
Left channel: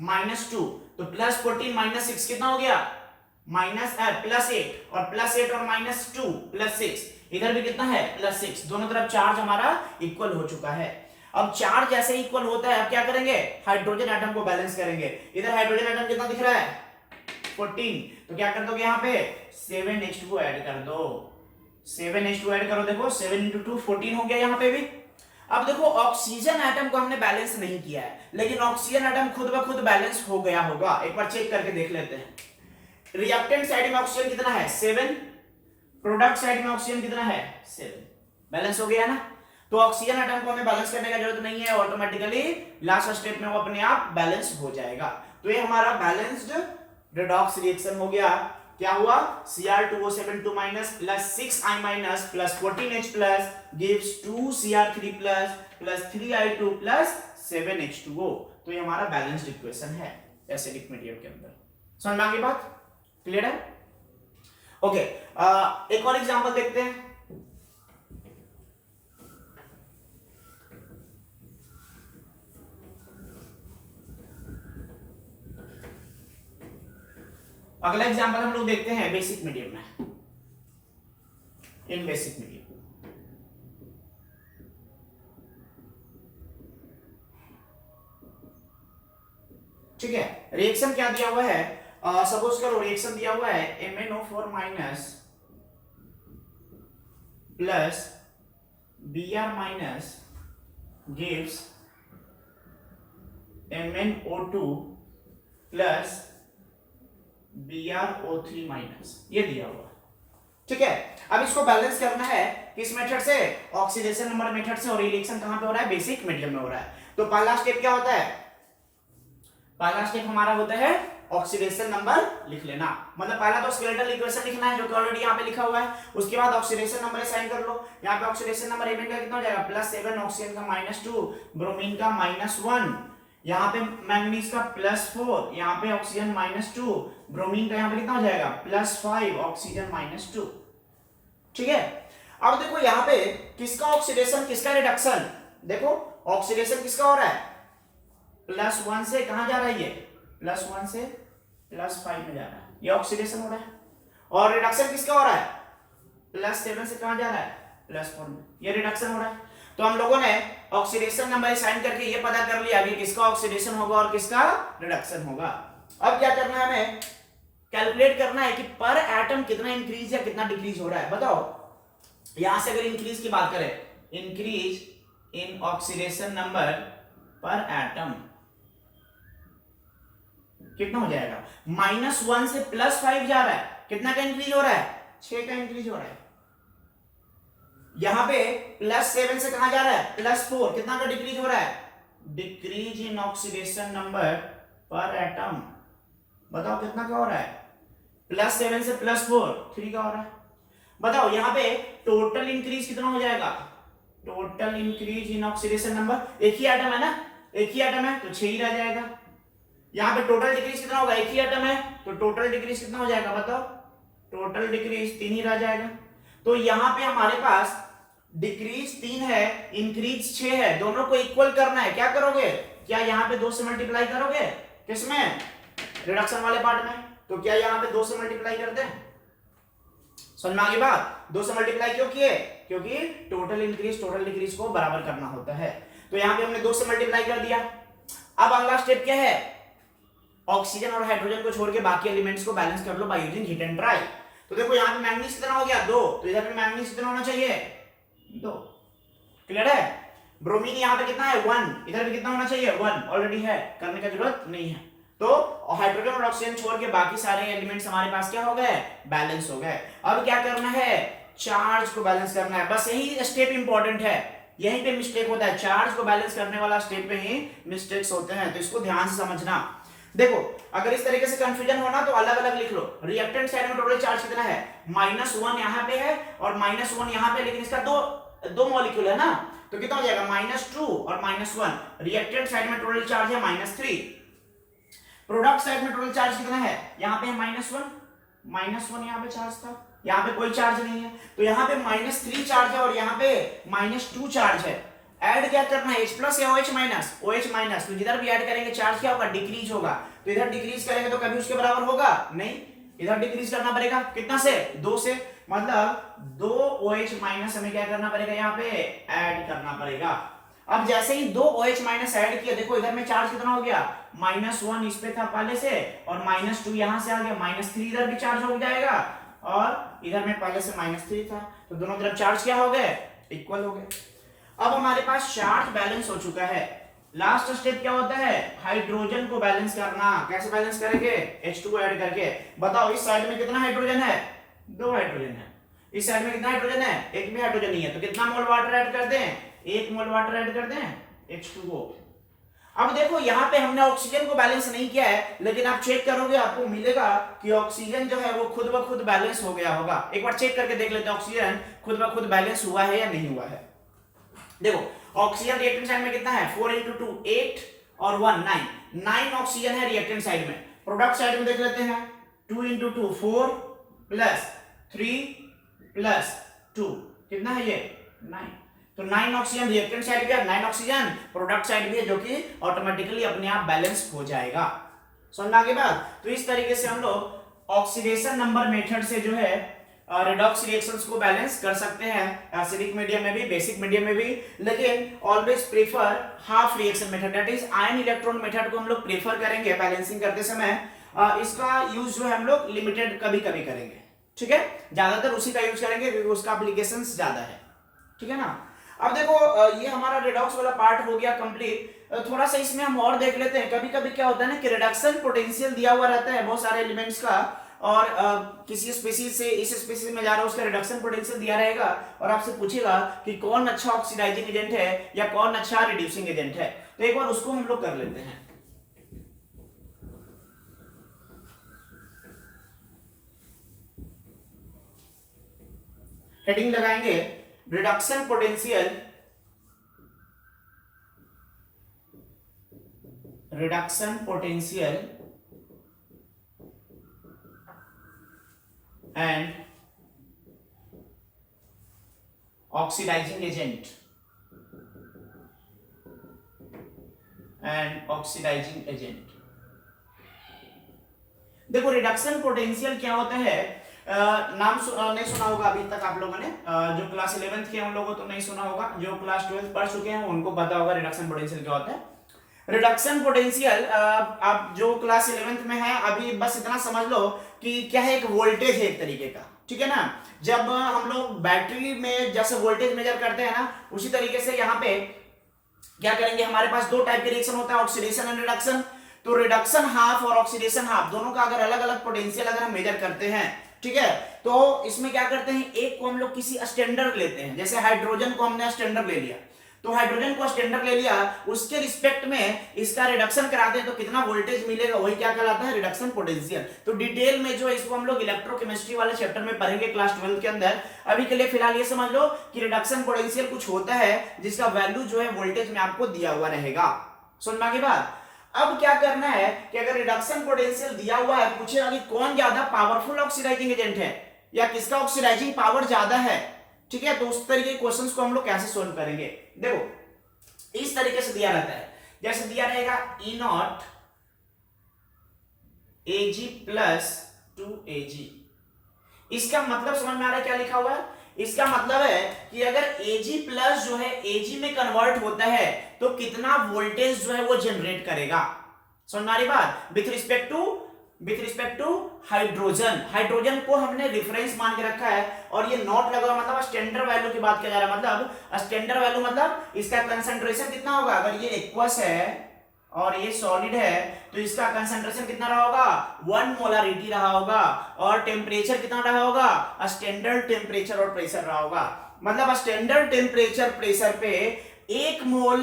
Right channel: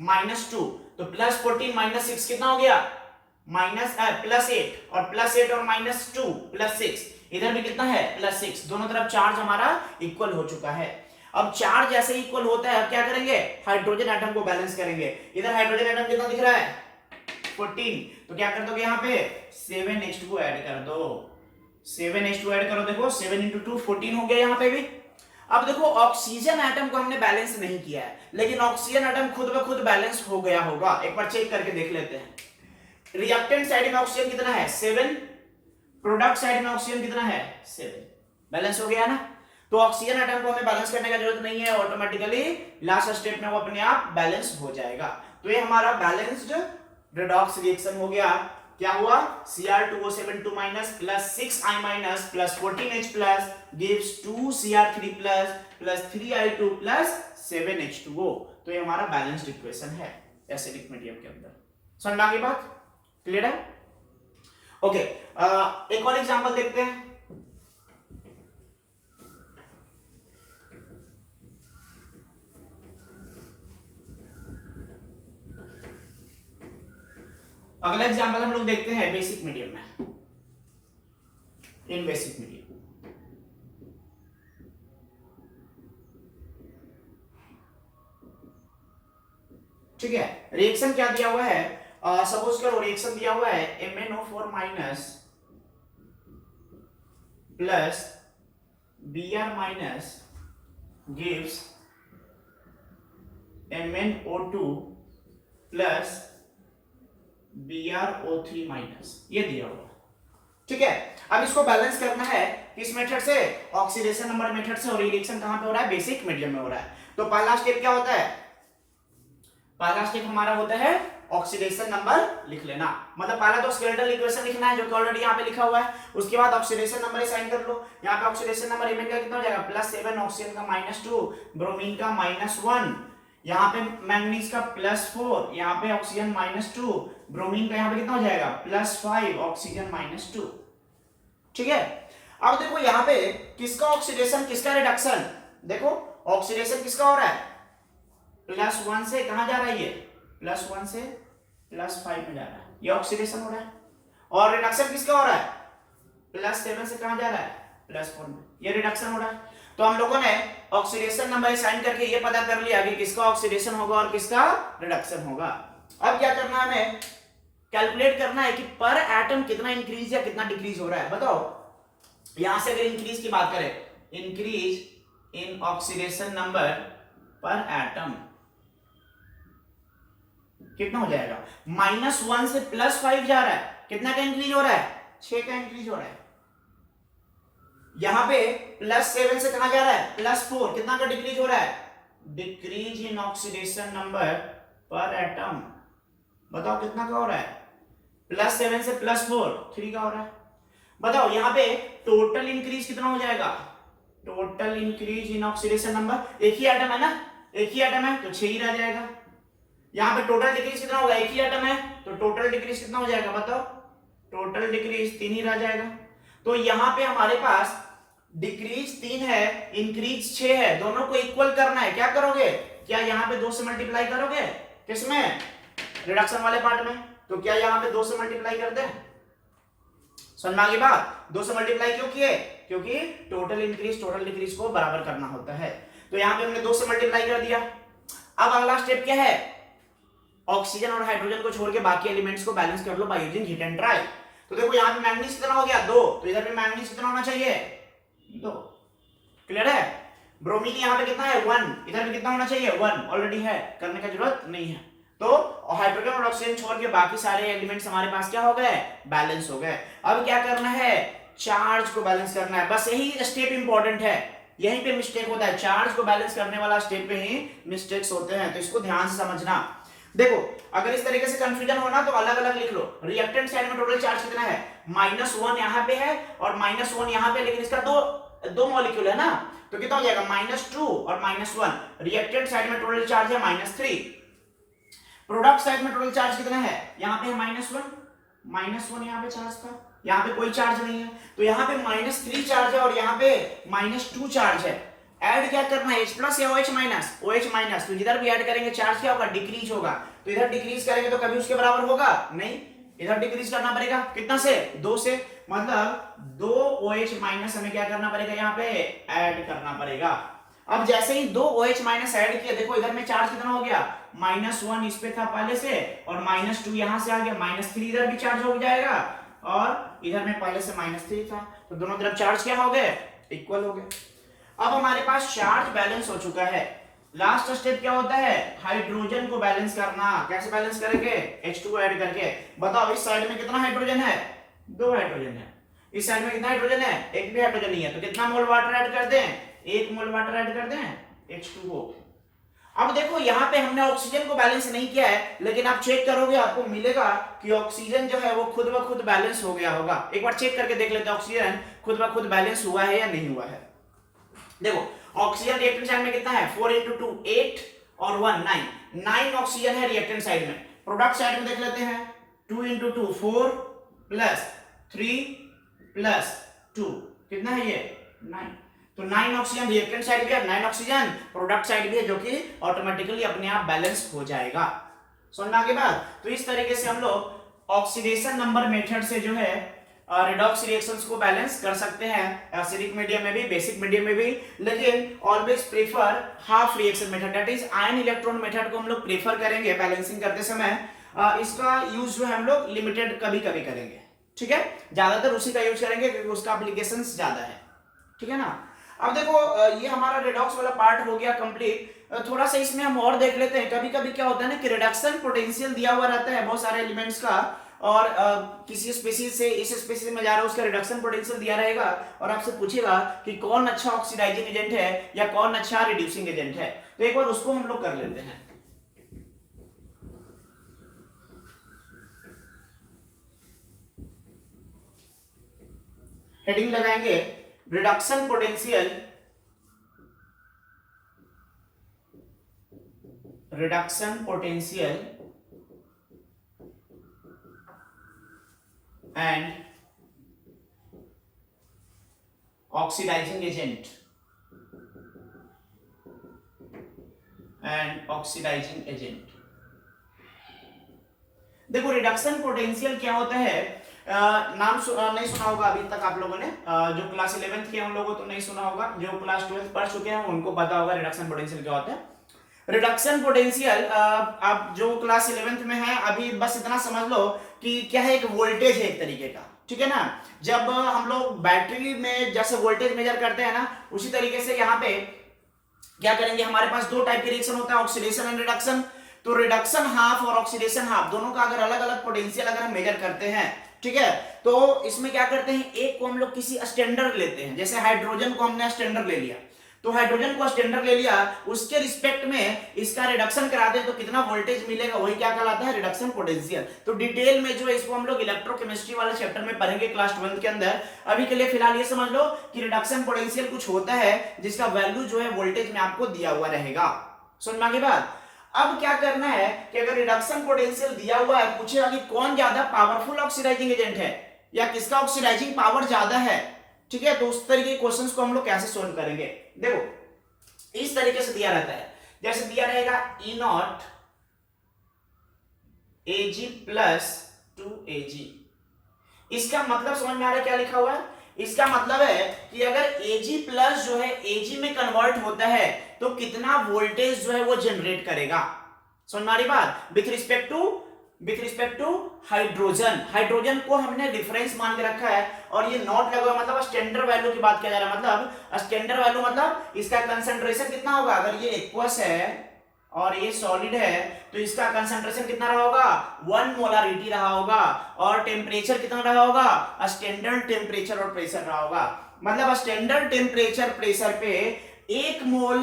-2, तो +14 -6 कितना हो गया, +8 और +8 और -2 +6, इधर भी कितना है +6। दोनों तरफ चार्ज हमारा इक्वल हो चुका है। अब चार्ज जैसे इक्वल होता है अब क्या करेंगे, हाइड्रोजन एटम को बैलेंस करेंगे। इधर हाइड्रोजन एटम कितना दिख रहा है, 14, तो क्या कर दोगे यहाँ पे 7H2 ऐड कर दो। 7H2 ऐड करो, देखो 7 × 2 14 हो गया यहाँ पे भी। अब देखो ऑक्सीजन एटम को हमने बैलेंस नहीं किया है, लेकिन ऑक्सीजन एटम खुद ब खुद बैलेंस हो गया होगा। एक बार चेक करके देख लेते हैं। रिएक्टेंट साइड में ऑक्सीजन कितना है, 7, प्रोडक्ट साइड में ऑक्सीजन कितना है, 7, बैलेंस हो गया ना। तो ऑक्सीजन एटम को हमें बैलेंस करने की जरूरत नहीं है, ऑटोमेटिकली लास्ट स्टेप में वो अपने आप बैलेंस हो जाएगा। तो ये हमारा बैलेंस्ड रेडॉक्स रिएक्शन हो गया। क्या हुआ, Cr2O72- +6I- +14H+ gives 2Cr3+ +3I2 +7H2O। तो ये हमारा बैलेंस्ड इक्वेशन है एसिडिक मीडियम के अंदर। समझ में आ गई बात, क्लियर है। ओके, एक और एग्जांपल देखते हैं। अगला एग्जांपल हम लोग देखते हैं बेसिक मीडियम में, इन बेसिक मीडियम। ठीक है, रिएक्शन क्या दिया हुआ है, सपोज करो रिएक्शन दिया हुआ है MnO4- plus Br- gives MnO2 plus BrO3-, ये दिया हुआ। ठीक है, अब इसको बैलेंस करना है किस मेथड से, ऑक्सीडेशन नंबर मेथड से। और रिएक्शन कहां पे हो रहा है, बेसिक मीडियम में हो रहा है। तो पहला स्टेप क्या होता है, पहला स्टेप हमारा होता है ऑक्सीडेशन नंबर लिख लेना। मतलब पहला तो स्केलेटल इक्वेशन लिखना है जो कि ऑलरेडी यहाँ पे लिखा हुआ है। उसके बाद ऑक्सीडेशन नंबर असाइन कर लो। यहाँ पे ऑक्सीडेशन नंबर एमएन का कितना हो जाएगा, +7, ऑक्सीजन का -2, ब्रोमीन का -1, यहाँ पे मैंगनीज का +4, यहाँ पे ऑक्सीजन -2, ब्रोमीन का यहाँ पे कितना हो जाएगा +5, ऑक्सीजन -2। ठीक है, अब देखो यहाँ पे किसका ऑक्सीडेशन किसका रिडक्शन, देखो ऑक्सीडेशन किसका हो रहा है, +1 से कहां जा रहा है, ये +1 से +5 में जा रहा है, ये ऑक्सीडेशन हो रहा है। और रिडक्शन किसका हो रहा है, +7 से कहां जा रहा है, +4 में, ये रिडक्शन हो रहा है। तो हम लोगों ने ऑक्सीडेशन नंबर असाइन करके ये पता कर लिया कि किसका ऑक्सीडेशन होगा और किसका रिडक्शन होगा। अब क्या करना है, हमें कैलकुलेट करना है कि पर एटम कितना इंक्रीज या कितना डिक्रीज हो रहा है। बताओ यहां से अगर इंक्रीज की बात करें, increase in oxidation number per atom कितना हो जाएगा, -1 से +5 जा रहा है, कितना का इंक्रीज हो रहा है, 6 का इंक्रीज हो रहा है। यहां पे +7 से कहां जा रहा है, +4, कितना का डिक्रीज हो रहा है, decrease in oxidation number per atom. बताओ कितना का हो रहा है, +7 से +4, 3 का हो रहा है। बताओ यहां पे टोटल इंक्रीज कितना हो जाएगा, total increase in oxidation number, एक ही एटम है ना, एक ही एटम है तो 6 ही रह जाएगा। यहां पे टोटल डिक्रीज कितना होगा, एक ही एटम है तो टोटल डिक्रीज कितना हो जाएगा, बताओ, टोटल डिक्रीज 3 ही रह जाएगा। तो यहां पे हमारे पास डिक्रीज 3 है, इंक्रीज 6 है, दोनों को इक्वल करना है। क्या करोगे, क्या यहां पे 2 से मल्टीप्लाई करोगे, किसमें, रिडक्शन वाले पार्ट में। तो क्या यहां पे 2 से मल्टीप्लाई कर दें, समझ में आ गई बात। 2 से मल्टीप्लाई क्यों किए, क्योंकि टोटल इंक्रीज टोटल डिक्रीज को बराबर करना होता है। तो यहां पे हमने 2 से मल्टीप्लाई कर दिया। अब अगला स्टेप क्या है, ऑक्सीजन और हाइड्रोजन को छोड़ के बाकी एलिमेंट्स को बैलेंस कर लो by using hit and try. तो देखो यहां पे मैंगनीज कितना हो गया, 2, तो इधर भी मैंगनीज कितना होना चाहिए, 2। क्लियर है। ब्रोमीन यहां पे कितना है, 1, इधर भी कितना होना चाहिए, 1, ऑलरेडी है, करने की जरूरत नहीं है। तो हाइड्रोजन और ऑक्सीजन छोड़ के बाकी सारे एलिमेंट्स हमारे पास क्या हो गए, बैलेंस हो गए। अब क्या करना है, चार्ज को बैलेंस करना है। बस यही स्टेप इंपॉर्टेंट है, यहीं पे मिस्टेक होता है, चार्ज को बैलेंस करने वाला स्टेप पे ही मिस्टेक्स होते हैं, तो इसको ध्यान से समझना। देखो अगर इस तरीके से कंफ्यूजन हो ना तो अलग अलग लिख लो। रिएक्टेंट साइड में टोटल चार्ज कितना है, -1 यहां पे है और -1 यहां पे, लेकिन इसका दो मॉलिक्यूल है ना, तो कितना हो जाएगा, -2 और -1। रिएक्टेंट साइड में टोटल चार्ज है -3। प्रोडक्ट साइड में टोटल चार्ज कितना है, यहां पे है -1 यहां पे चार्ज था, यहां पे कोई चार्ज नहीं है, तो यहां पे -3 चार्ज है और यहां पे -2 चार्ज है। ऐड क्या करना है, H+ या OH-, तो जिधर भी ऐड करेंगे चार्ज क्या होगा, डिक्रीज होगा। तो इधर डिक्रीज करेंगे तो कभी उसके बराबर होगा नहीं, इधर डिक्रीज करना पड़ेगा, कितना से, 2 से, मतलब 2 OH- हमें क्या करना पड़ेगा, यहाँ पे ऐड करना पड़ेगा। अब जैसे ही 2 OH- ऐड किया, देखो इधर में चार्ज कितना हो गया, -1 इस पे था पहले से और -2 यहां से आ गया, -3 इधर भी चार्ज हो जाएगा और इधर में पहले से -3 था, तो दोनों तरफ चार्ज क्या हो गए, इक्वल हो गए। अब हमारे पास चार्ज बैलेंस हो चुका है। लास्ट स्टेप क्या होता है, हाइड्रोजन को बैलेंस करना। कैसे बैलेंस करेंगे, H2 ऐड करके। बताओ इस साइड में कितना हाइड्रोजन है, 2 हाइड्रोजन है, इस साइड में कितना हाइड्रोजन है, एक भी हाइड्रोजन नहीं है, तो कितना मोल वाटर ऐड कर दें, 1 मोल वाटर ऐड कर दें H2O। अब देखो यहां पे हमने ऑक्सीजन को बैलेंस नहीं किया है, लेकिन आप चेक करोगे आपको मिलेगा कि ऑक्सीजन जो है वो खुद ब खुद बैलेंस हो गया होगा। एक बार चेक करके देख लेते हैं ऑक्सीजन खुद ब खुद बैलेंस हुआ है या नहीं हुआ है। देखो ऑक्सीजन रिएक्टेंट साइड में कितना है, 4 × 2 8 और 1 9 ऑक्सीजन है रिएक्टेंट साइड में। प्रोडक्ट साइड में देख लेते हैं, 2 × 2 4 प्लस 3 प्लस 2 कितना है ये, 9। तो 9 ऑक्सीजन रिएक्टेंट साइड भी है, 9 ऑक्सीजन प्रोडक्ट साइड भी है, जो कि ऑटोमेटिकली अपने आप बैलेंस हो जाएगा। समझ में आ गई बात। तो इस तरीके से हम लोग ऑक्सीडेशन नंबर मेथड से जो है रिडॉक्स रिएक्शंस को बैलेंस कर सकते हैं, एसिडिक मीडियम में भी, बेसिक मीडियम में भी, लेकिन always prefer half reaction method, that is ion electron method को हम लोग प्रेफर करेंगे बैलेंसिंग करते समय। इसका यूज जो है हम लोग लिमिटेड कभी कभी करेंगे, ठीक है, ज्यादातर उसी का यूज करेंगे क्योंकि उसका एप्लीकेशंस ज्यादा है, ठीक है ना। अब देखो ये हमारा रिडॉक्स वाला पार्ट हो गया कंप्लीट। थोड़ा सा इसमें हम और देख लेते हैं। कभी कभी क्या होता है ना कि रिडक्शन पोटेंशियल दिया हुआ रहता है बहुत सारे एलिमेंट्स का, और किसी स्पीशीज से इस स्पीशीज में जा रहा है, उसका रिडक्शन पोटेंशियल दिया रहेगा और आपसे पूछेगा कि कौन अच्छा ऑक्सीडाइजिंग एजेंट है या कौन अच्छा रिड्यूसिंग एजेंट है। तो एक बार उसको हम लोग कर लेते हैं। हेडिंग लगाएंगे reduction potential, and oxidizing agent देखो रिडक्शन पोटेंशियल क्या होता है, नाम नहीं सुना होगा अभी तक आप लोगों ने, जो क्लास 11th के हम लोगों तो नहीं सुना होगा, जो क्लास 12th पढ़ चुके हैं उनको पता होगा रिडक्शन पोटेंशियल क्या होता है। रिडक्शन पोटेंशियल आप जो क्लास 11th में है अभी बस इतना समझ लो कि क्या है, एक वोल्टेज है एक तरीके का, ठीक है ना। जब हम लोग बैटरी में जैसे वोल्टेज मेजर करते हैं ना, उसी तरीके से यहाँ पे क्या करेंगे, हमारे पास 2 टाइप के रिएक्शन होता है, ऑक्सीडेशन एंड रिडक्शन। तो रिडक्शन हाफ और ऑक्सीडेशन हाफ दोनों का अगर अलग अलग पोटेंशियल अगर हम मेजर करते हैं, ठीक है। तो इसमें क्या करते हैं, एक को हम लोग किसी स्टैंडर्ड लेते हैं, जैसे हाइड्रोजन को हमने स्टैंडर्ड ले लिया, तो हाइड्रोजन को स्टैंडर्ड ले लिया, उसके रिस्पेक्ट में इसका रिडक्शन कराते हैं तो कितना वोल्टेज मिलेगा, वही क्या कहलाता है, रिडक्शन पोटेंशियल। तो डिटेल में जो है इसको हम लोग इलेक्ट्रोकेमिस्ट्री वाले चैप्टर में पढ़ेंगे क्लास 12 के अंदर। अभी के लिए फिलहाल ये समझ लो कि रिडक्शन पोटेंशियल कुछ होता है जिसका वैल्यू जो है वोल्टेज में आपको दिया हुआ रहेगा। समझ में आ गई बात। अब क्या करना है कि अगर रिडक्शन पोटेंशियल दिया हुआ है, पूछेगा कि कौन ज्यादा पावरफुल ऑक्सीडाइजिंग एजेंट है या किसका ऑक्सीडाइजिंग पावर ज्यादा है, ठीक है। तो उस तरीके के क्वेश्चंस को हम लोग कैसे सोल्व करेंगे, देखो इस तरीके से दिया रहता है, जैसे दिया रहेगा E0 Ag प्लस 2Ag। इसका मतलब समझ में आ रहा है क्या लिखा हुआ है, इसका मतलब है कि अगर Ag प्लस जो है Ag में कन्वर्ट होता है तो कितना वोल्टेज जो है वो जनरेट करेगा। समझ में आ रही बात। With respect to hydrogen, hydrogen को हमने डिफरेंस मान के रखा है और ये नॉट लगा हुआ, मतलब स्टैंडर्ड वैल्यू की बात किया जा रहा है। मतलब स्टैंडर्ड वैल्यू मतलब इसका कंसंट्रेशन कितना होगा, अगर ये एक्वस है और ये सॉलिड है तो इसका कंसंट्रेशन कितना रहा होगा, 1 मोलारिटी रहा होगा, और टेम्परेचर कितना रहा होगा, स्टैंडर्ड टेम्परेचर और प्रेशर रहा होगा। मतलब स्टैंडर्ड टेम्परेचर प्रेशर पे 1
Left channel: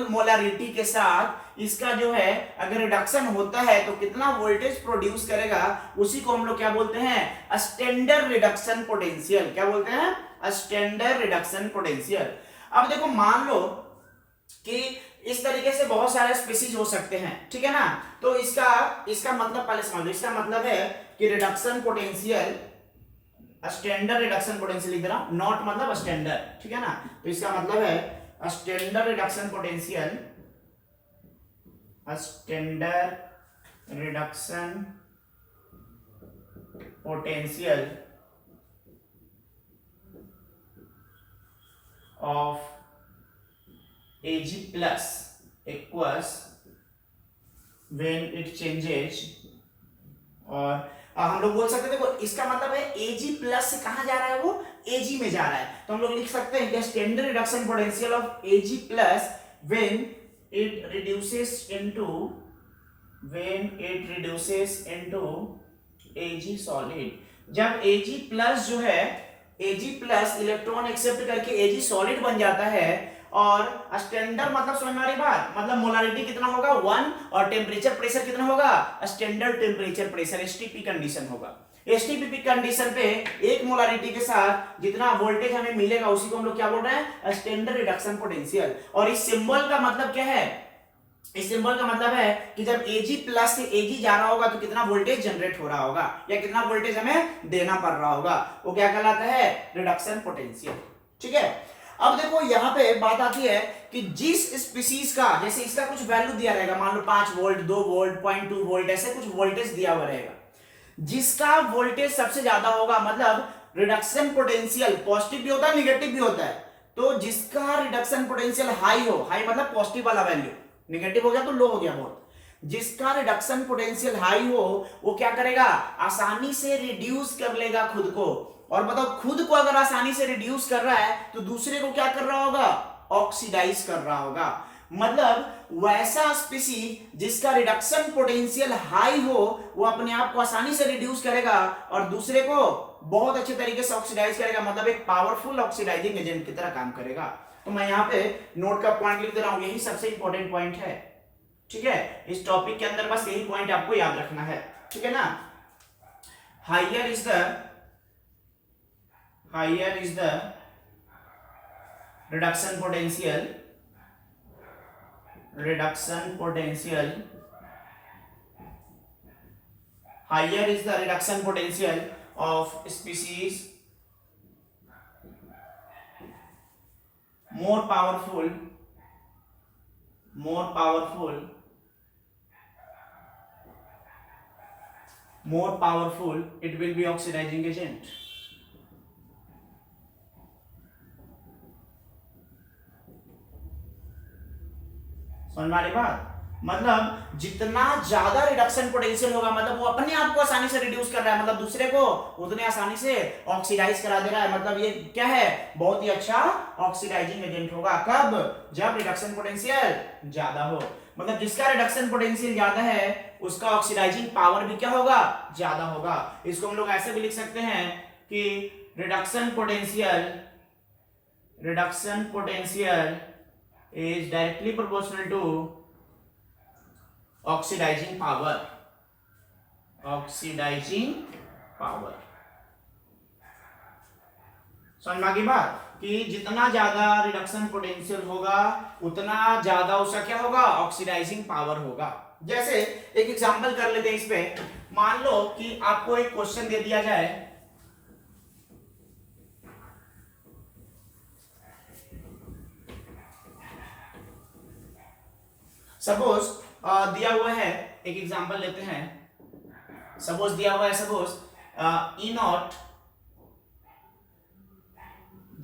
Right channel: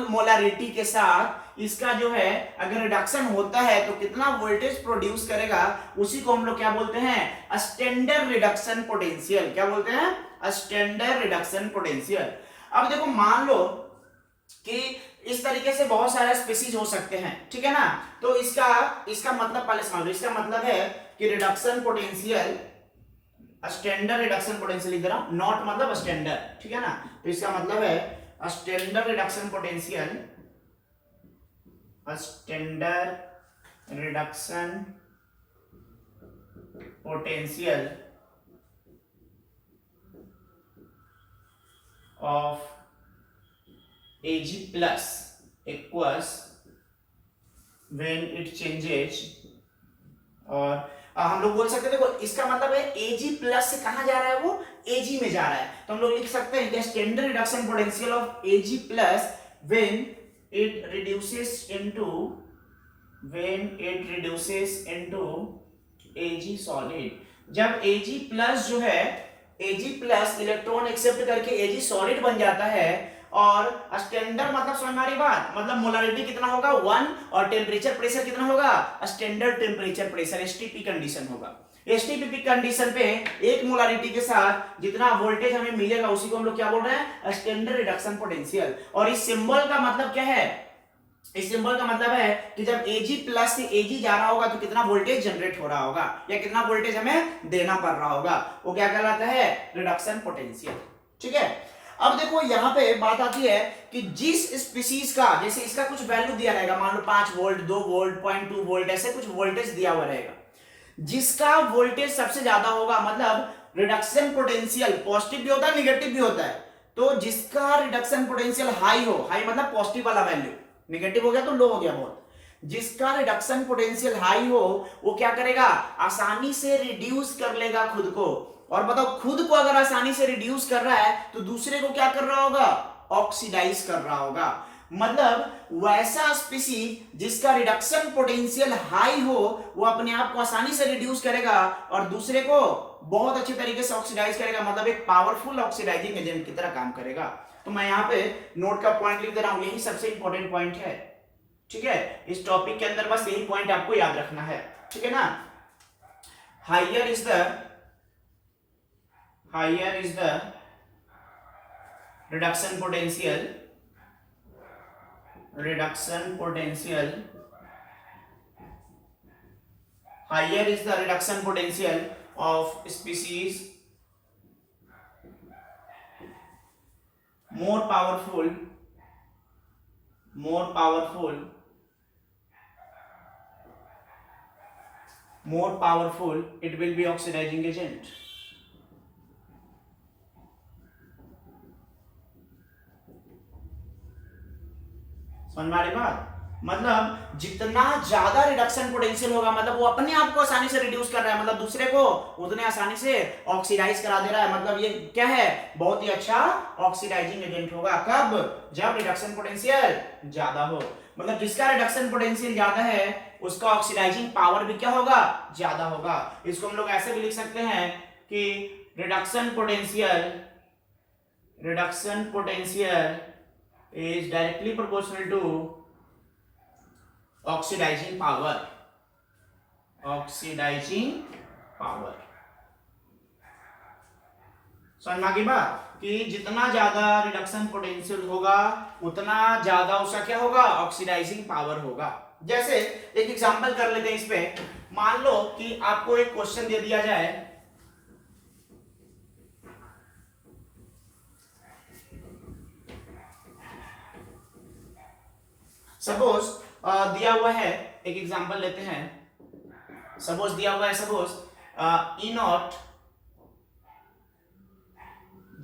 मोलारिटी के साथ इसका जो है अगर रिडक्शन होता है तो कितना वोल्टेज प्रोड्यूस करेगा, उसी को हम लोग क्या बोलते हैं, स्टैंडर्ड रिडक्शन पोटेंशियल। क्या बोलते हैं, स्टैंडर्ड रिडक्शन पोटेंशियल। अब देखो मान लो कि इस तरीके से बहुत सारे स्पीशीज हो सकते हैं, ठीक है ना। तो इसका मतलब पहले समझ लो, इसका मतलब है कि reduction potential, standard reduction potential इधर नॉट मतलब स्टैंडर्ड, ठीक है ना। तो इसका मतलब है standard reduction potential, standard reduction potential of Ag plus equals when it changes, और हम लोग बोल सकते हैं, देखो इसका मतलब है Ag प्लस से कहां जा रहा है, वो Ag में जा रहा है, तो हम लोग लिख सकते हैं कि standard reduction potential of Ag plus when it reduces into Ag solid। जब Ag प्लस जो है, Ag प्लस इलेक्ट्रॉन एक्सेप्ट करके Ag सॉलिड बन जाता है, और स्टैंडर्ड मतलब समझ में आ रही बात, मतलब मोलारिटी कितना होगा 1, और टेम्परेचर प्रेशर कितना होगा, standard temperature pressure STP condition होगा। एसटीपी कंडीशन पे 1 मोलारिटी के साथ जितना वोल्टेज हमें मिलेगा उसी को हम लोग क्या बोल रहे हैं, स्टैंडर्ड रिडक्शन पोटेंशियल। और इस सिंबल का मतलब क्या है, इस सिंबल का मतलब है कि जब Ag प्लस से Ag जा रहा होगा तो कितना वोल्टेज जनरेट हो रहा होगा या कितना वोल्टेज हमें देना पड़ रहा होगा, वो क्या कहलाता है, रिडक्शन पोटेंशियल, ठीक है। अब देखो यहां पे बात आती है कि जिस स्पीशीज का, जैसे इसका कुछ वैल्यू दिया रहेगा, मान लो 5 वोल्ट, 2 वोल्ट, 0.2 वोल्ट, ऐसे कुछ वोल्टेज दिया हुआ रहेगा, जिसका वोल्टेज सबसे ज्यादा होगा, मतलब रिडक्शन पोटेंशियल पॉजिटिव भी होता है निगेटिव भी होता है, तो जिसका रिडक्शन पोटेंशियल हाई हो, हाई मतलब पॉजिटिव वाला वैल्यू, निगेटिव हो गया तो लो हो गया बहुत, जिसका रिडक्शन पोटेंशियल हाई हो वो क्या करेगा, आसानी से रिड्यूस कर लेगा खुद को। और बताओ खुद को अगर आसानी से रिड्यूस कर रहा है तो दूसरे को क्या कर रहा होगा, ऑक्सीडाइज कर रहा होगा। मतलब वैसा स्पीशीज जिसका रिडक्शन पोटेंशियल हाई हो वो अपने आप को आसानी से रिड्यूस करेगा और दूसरे को बहुत अच्छे तरीके से ऑक्सीडाइज करेगा, मतलब एक पावरफुल ऑक्सीडाइजिंग एजेंट की तरह काम करेगा। तो मैं यहाँ पे नोट का पॉइंट लिख दे रहा हूं, यही सबसे इंपॉर्टेंट पॉइंट है, ठीक है। इस टॉपिक के अंदर बस यही पॉइंट आपको याद रखना है, ठीक है ना। Higher is the reduction potential higher is the reduction potential of species, more powerful it will be oxidizing agent। समझ में आ रही बात। मतलब जितना ज्यादा रिडक्शन पोटेंशियल होगा, मतलब वो अपने आप को आसानी से रिड्यूस कर रहा है, मतलब दूसरे को उतने आसानी से ऑक्सीडाइज करा दे रहा है, मतलब ये क्या है, बहुत ही अच्छा ऑक्सीडाइजिंग एजेंट होगा। कब, जब रिडक्शन पोटेंशियल ज्यादा हो, मतलब जिसका रिडक्शन पोटेंशियल ज्यादा है उसका ऑक्सीडाइजिंग पावर भी क्या होगा, ज्यादा होगा। इसको हम लोग ऐसे भी लिख सकते हैं कि reduction potential is directly proportional to oxidising power. समझ में आ गई बात कि जितना ज्यादा रिडक्शन पोटेंशियल होगा उतना ज्यादा उसका क्या होगा, ऑक्सीडाइजिंग पावर होगा। जैसे एक एग्जांपल कर लेते हैं इस पे। मान लो कि आपको एक क्वेश्चन दे दिया जाए, सपोज दिया हुआ है, एक एग्जांपल लेते हैं। सपोज दिया हुआ है, suppose E not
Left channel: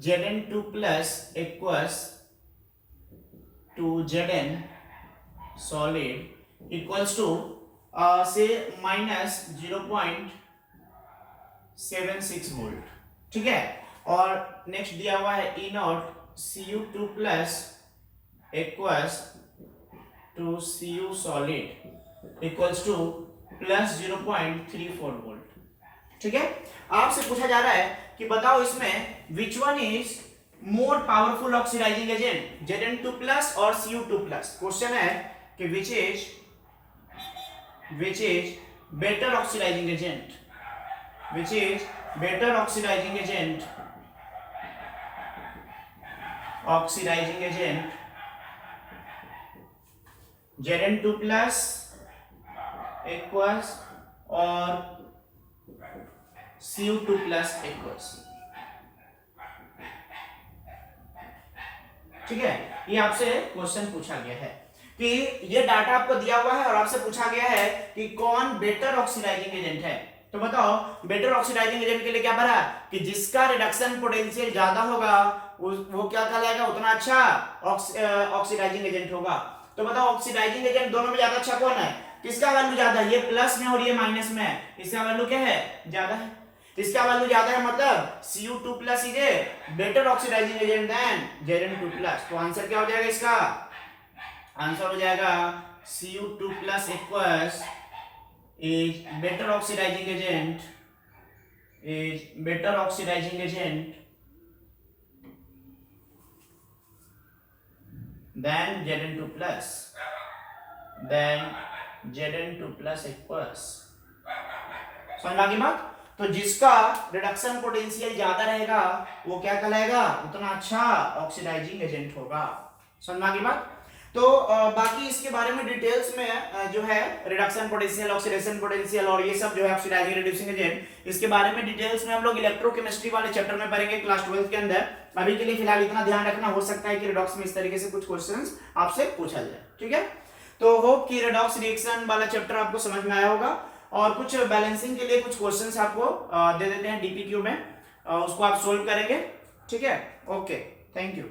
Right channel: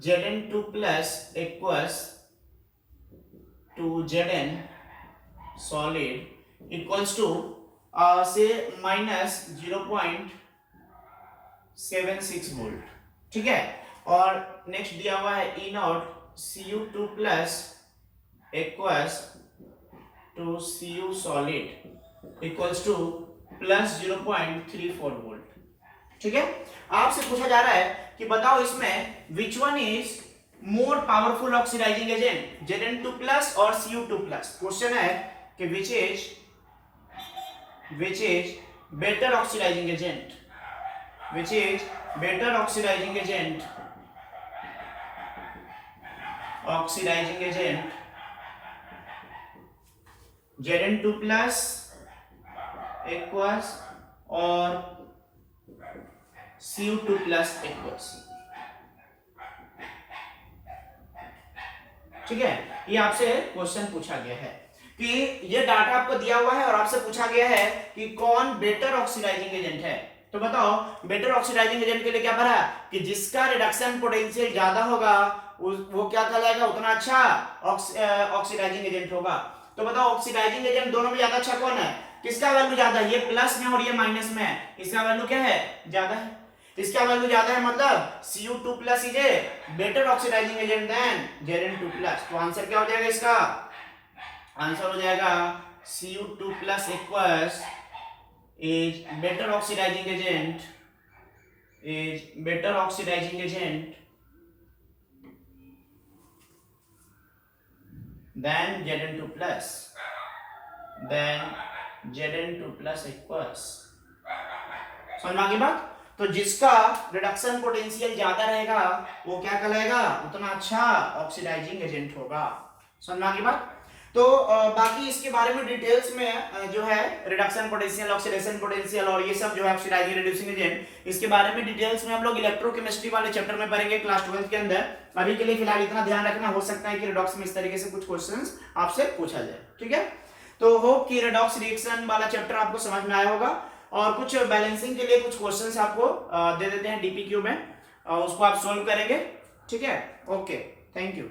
Zn2 plus equals to Zn solid equals to say minus 0.76 volt, ठीक है। और नेक्स्ट दिया हुआ है E naught Cu2 plus equals to Cu solid equals to plus 0.34 volt, ठीक है। आपसे पूछा जा रहा है कि बताओ इसमें which one is more powerful oxidising agent, Zn2 plus और Cu2 प्लस। क्वेश्चन है कि which is better oxidising agent, Zn2 plus equals और Cu2 प्लस इक्वल्स, ठीक है। ये आपसे क्वेश्चन पूछा गया है कि ये डाटा आपको दिया हुआ है और आपसे पूछा गया है कि कौन बेटर ऑक्सीडाइजिंग एजेंट है। तो बताओ बेटर ऑक्सीडाइजिंग एजेंट के लिए क्या भरा कि जिसका रिडक्शन पोटेंशियल ज्यादा होगा वो क्या कहलाएगा, उतना अच्छा ऑक्सीडाइजिंग एजेंट होगा। तो बताओ ऑक्सीडाइजिंग एजेंट दोनों में ज्यादा अच्छा कौन है, किसका वैल्यू ज्यादा है, ये प्लस में और ये माइनस में है, इसका वैल्यू क्या है, ज्यादा है। इसका वैल्यू ज्यादा है मतलब Cu2 plus is a better oxidising agent than Zn2 plus. तो आंसर क्या हो जाएगा इसका, आंसर हो जाएगा Cu2 plus equals is better oxidising agent than Zn2 plus equals. समझ में आ गई बात। तो जिसका रिडक्शन पोटेंशियल ज्यादा रहेगा वो क्या कहलाएगा, उतना अच्छा ऑक्सीडाइजिंग एजेंट होगा। समझ में आ गई बात। तो बाकी इसके बारे में डिटेल्स में जो है रिडक्शन पोटेंशियल, ऑक्सीडेशन पोटेंशियल और ये सब जो है ऑक्सीडाइजिंग रिड्यूसिंग एजेंट, इसके बारे में डिटेल्स में हम लोग इलेक्ट्रोकेमिस्ट्री वाले चैप्टर में पढ़ेंगे क्लास 12 के अंदर। अभी के लिए फिलहाल इतना ध्यान रखना, हो सकता है कि रिडॉक्स में इस तरीके से कुछ क्वेश्चंस आपसे पूछा जाए, ठीक है। तो होप कि रिडॉक्स रिएक्शन वाला चैप्टर आपको समझ में आया होगा। और कुछ बैलेंसिंग के लिए कुछ क्वेश्चंस आपको दे देते हैं डीपीक्यू में, उसको आप सोल्व करेंगे, ठीक है। Okay, thank you.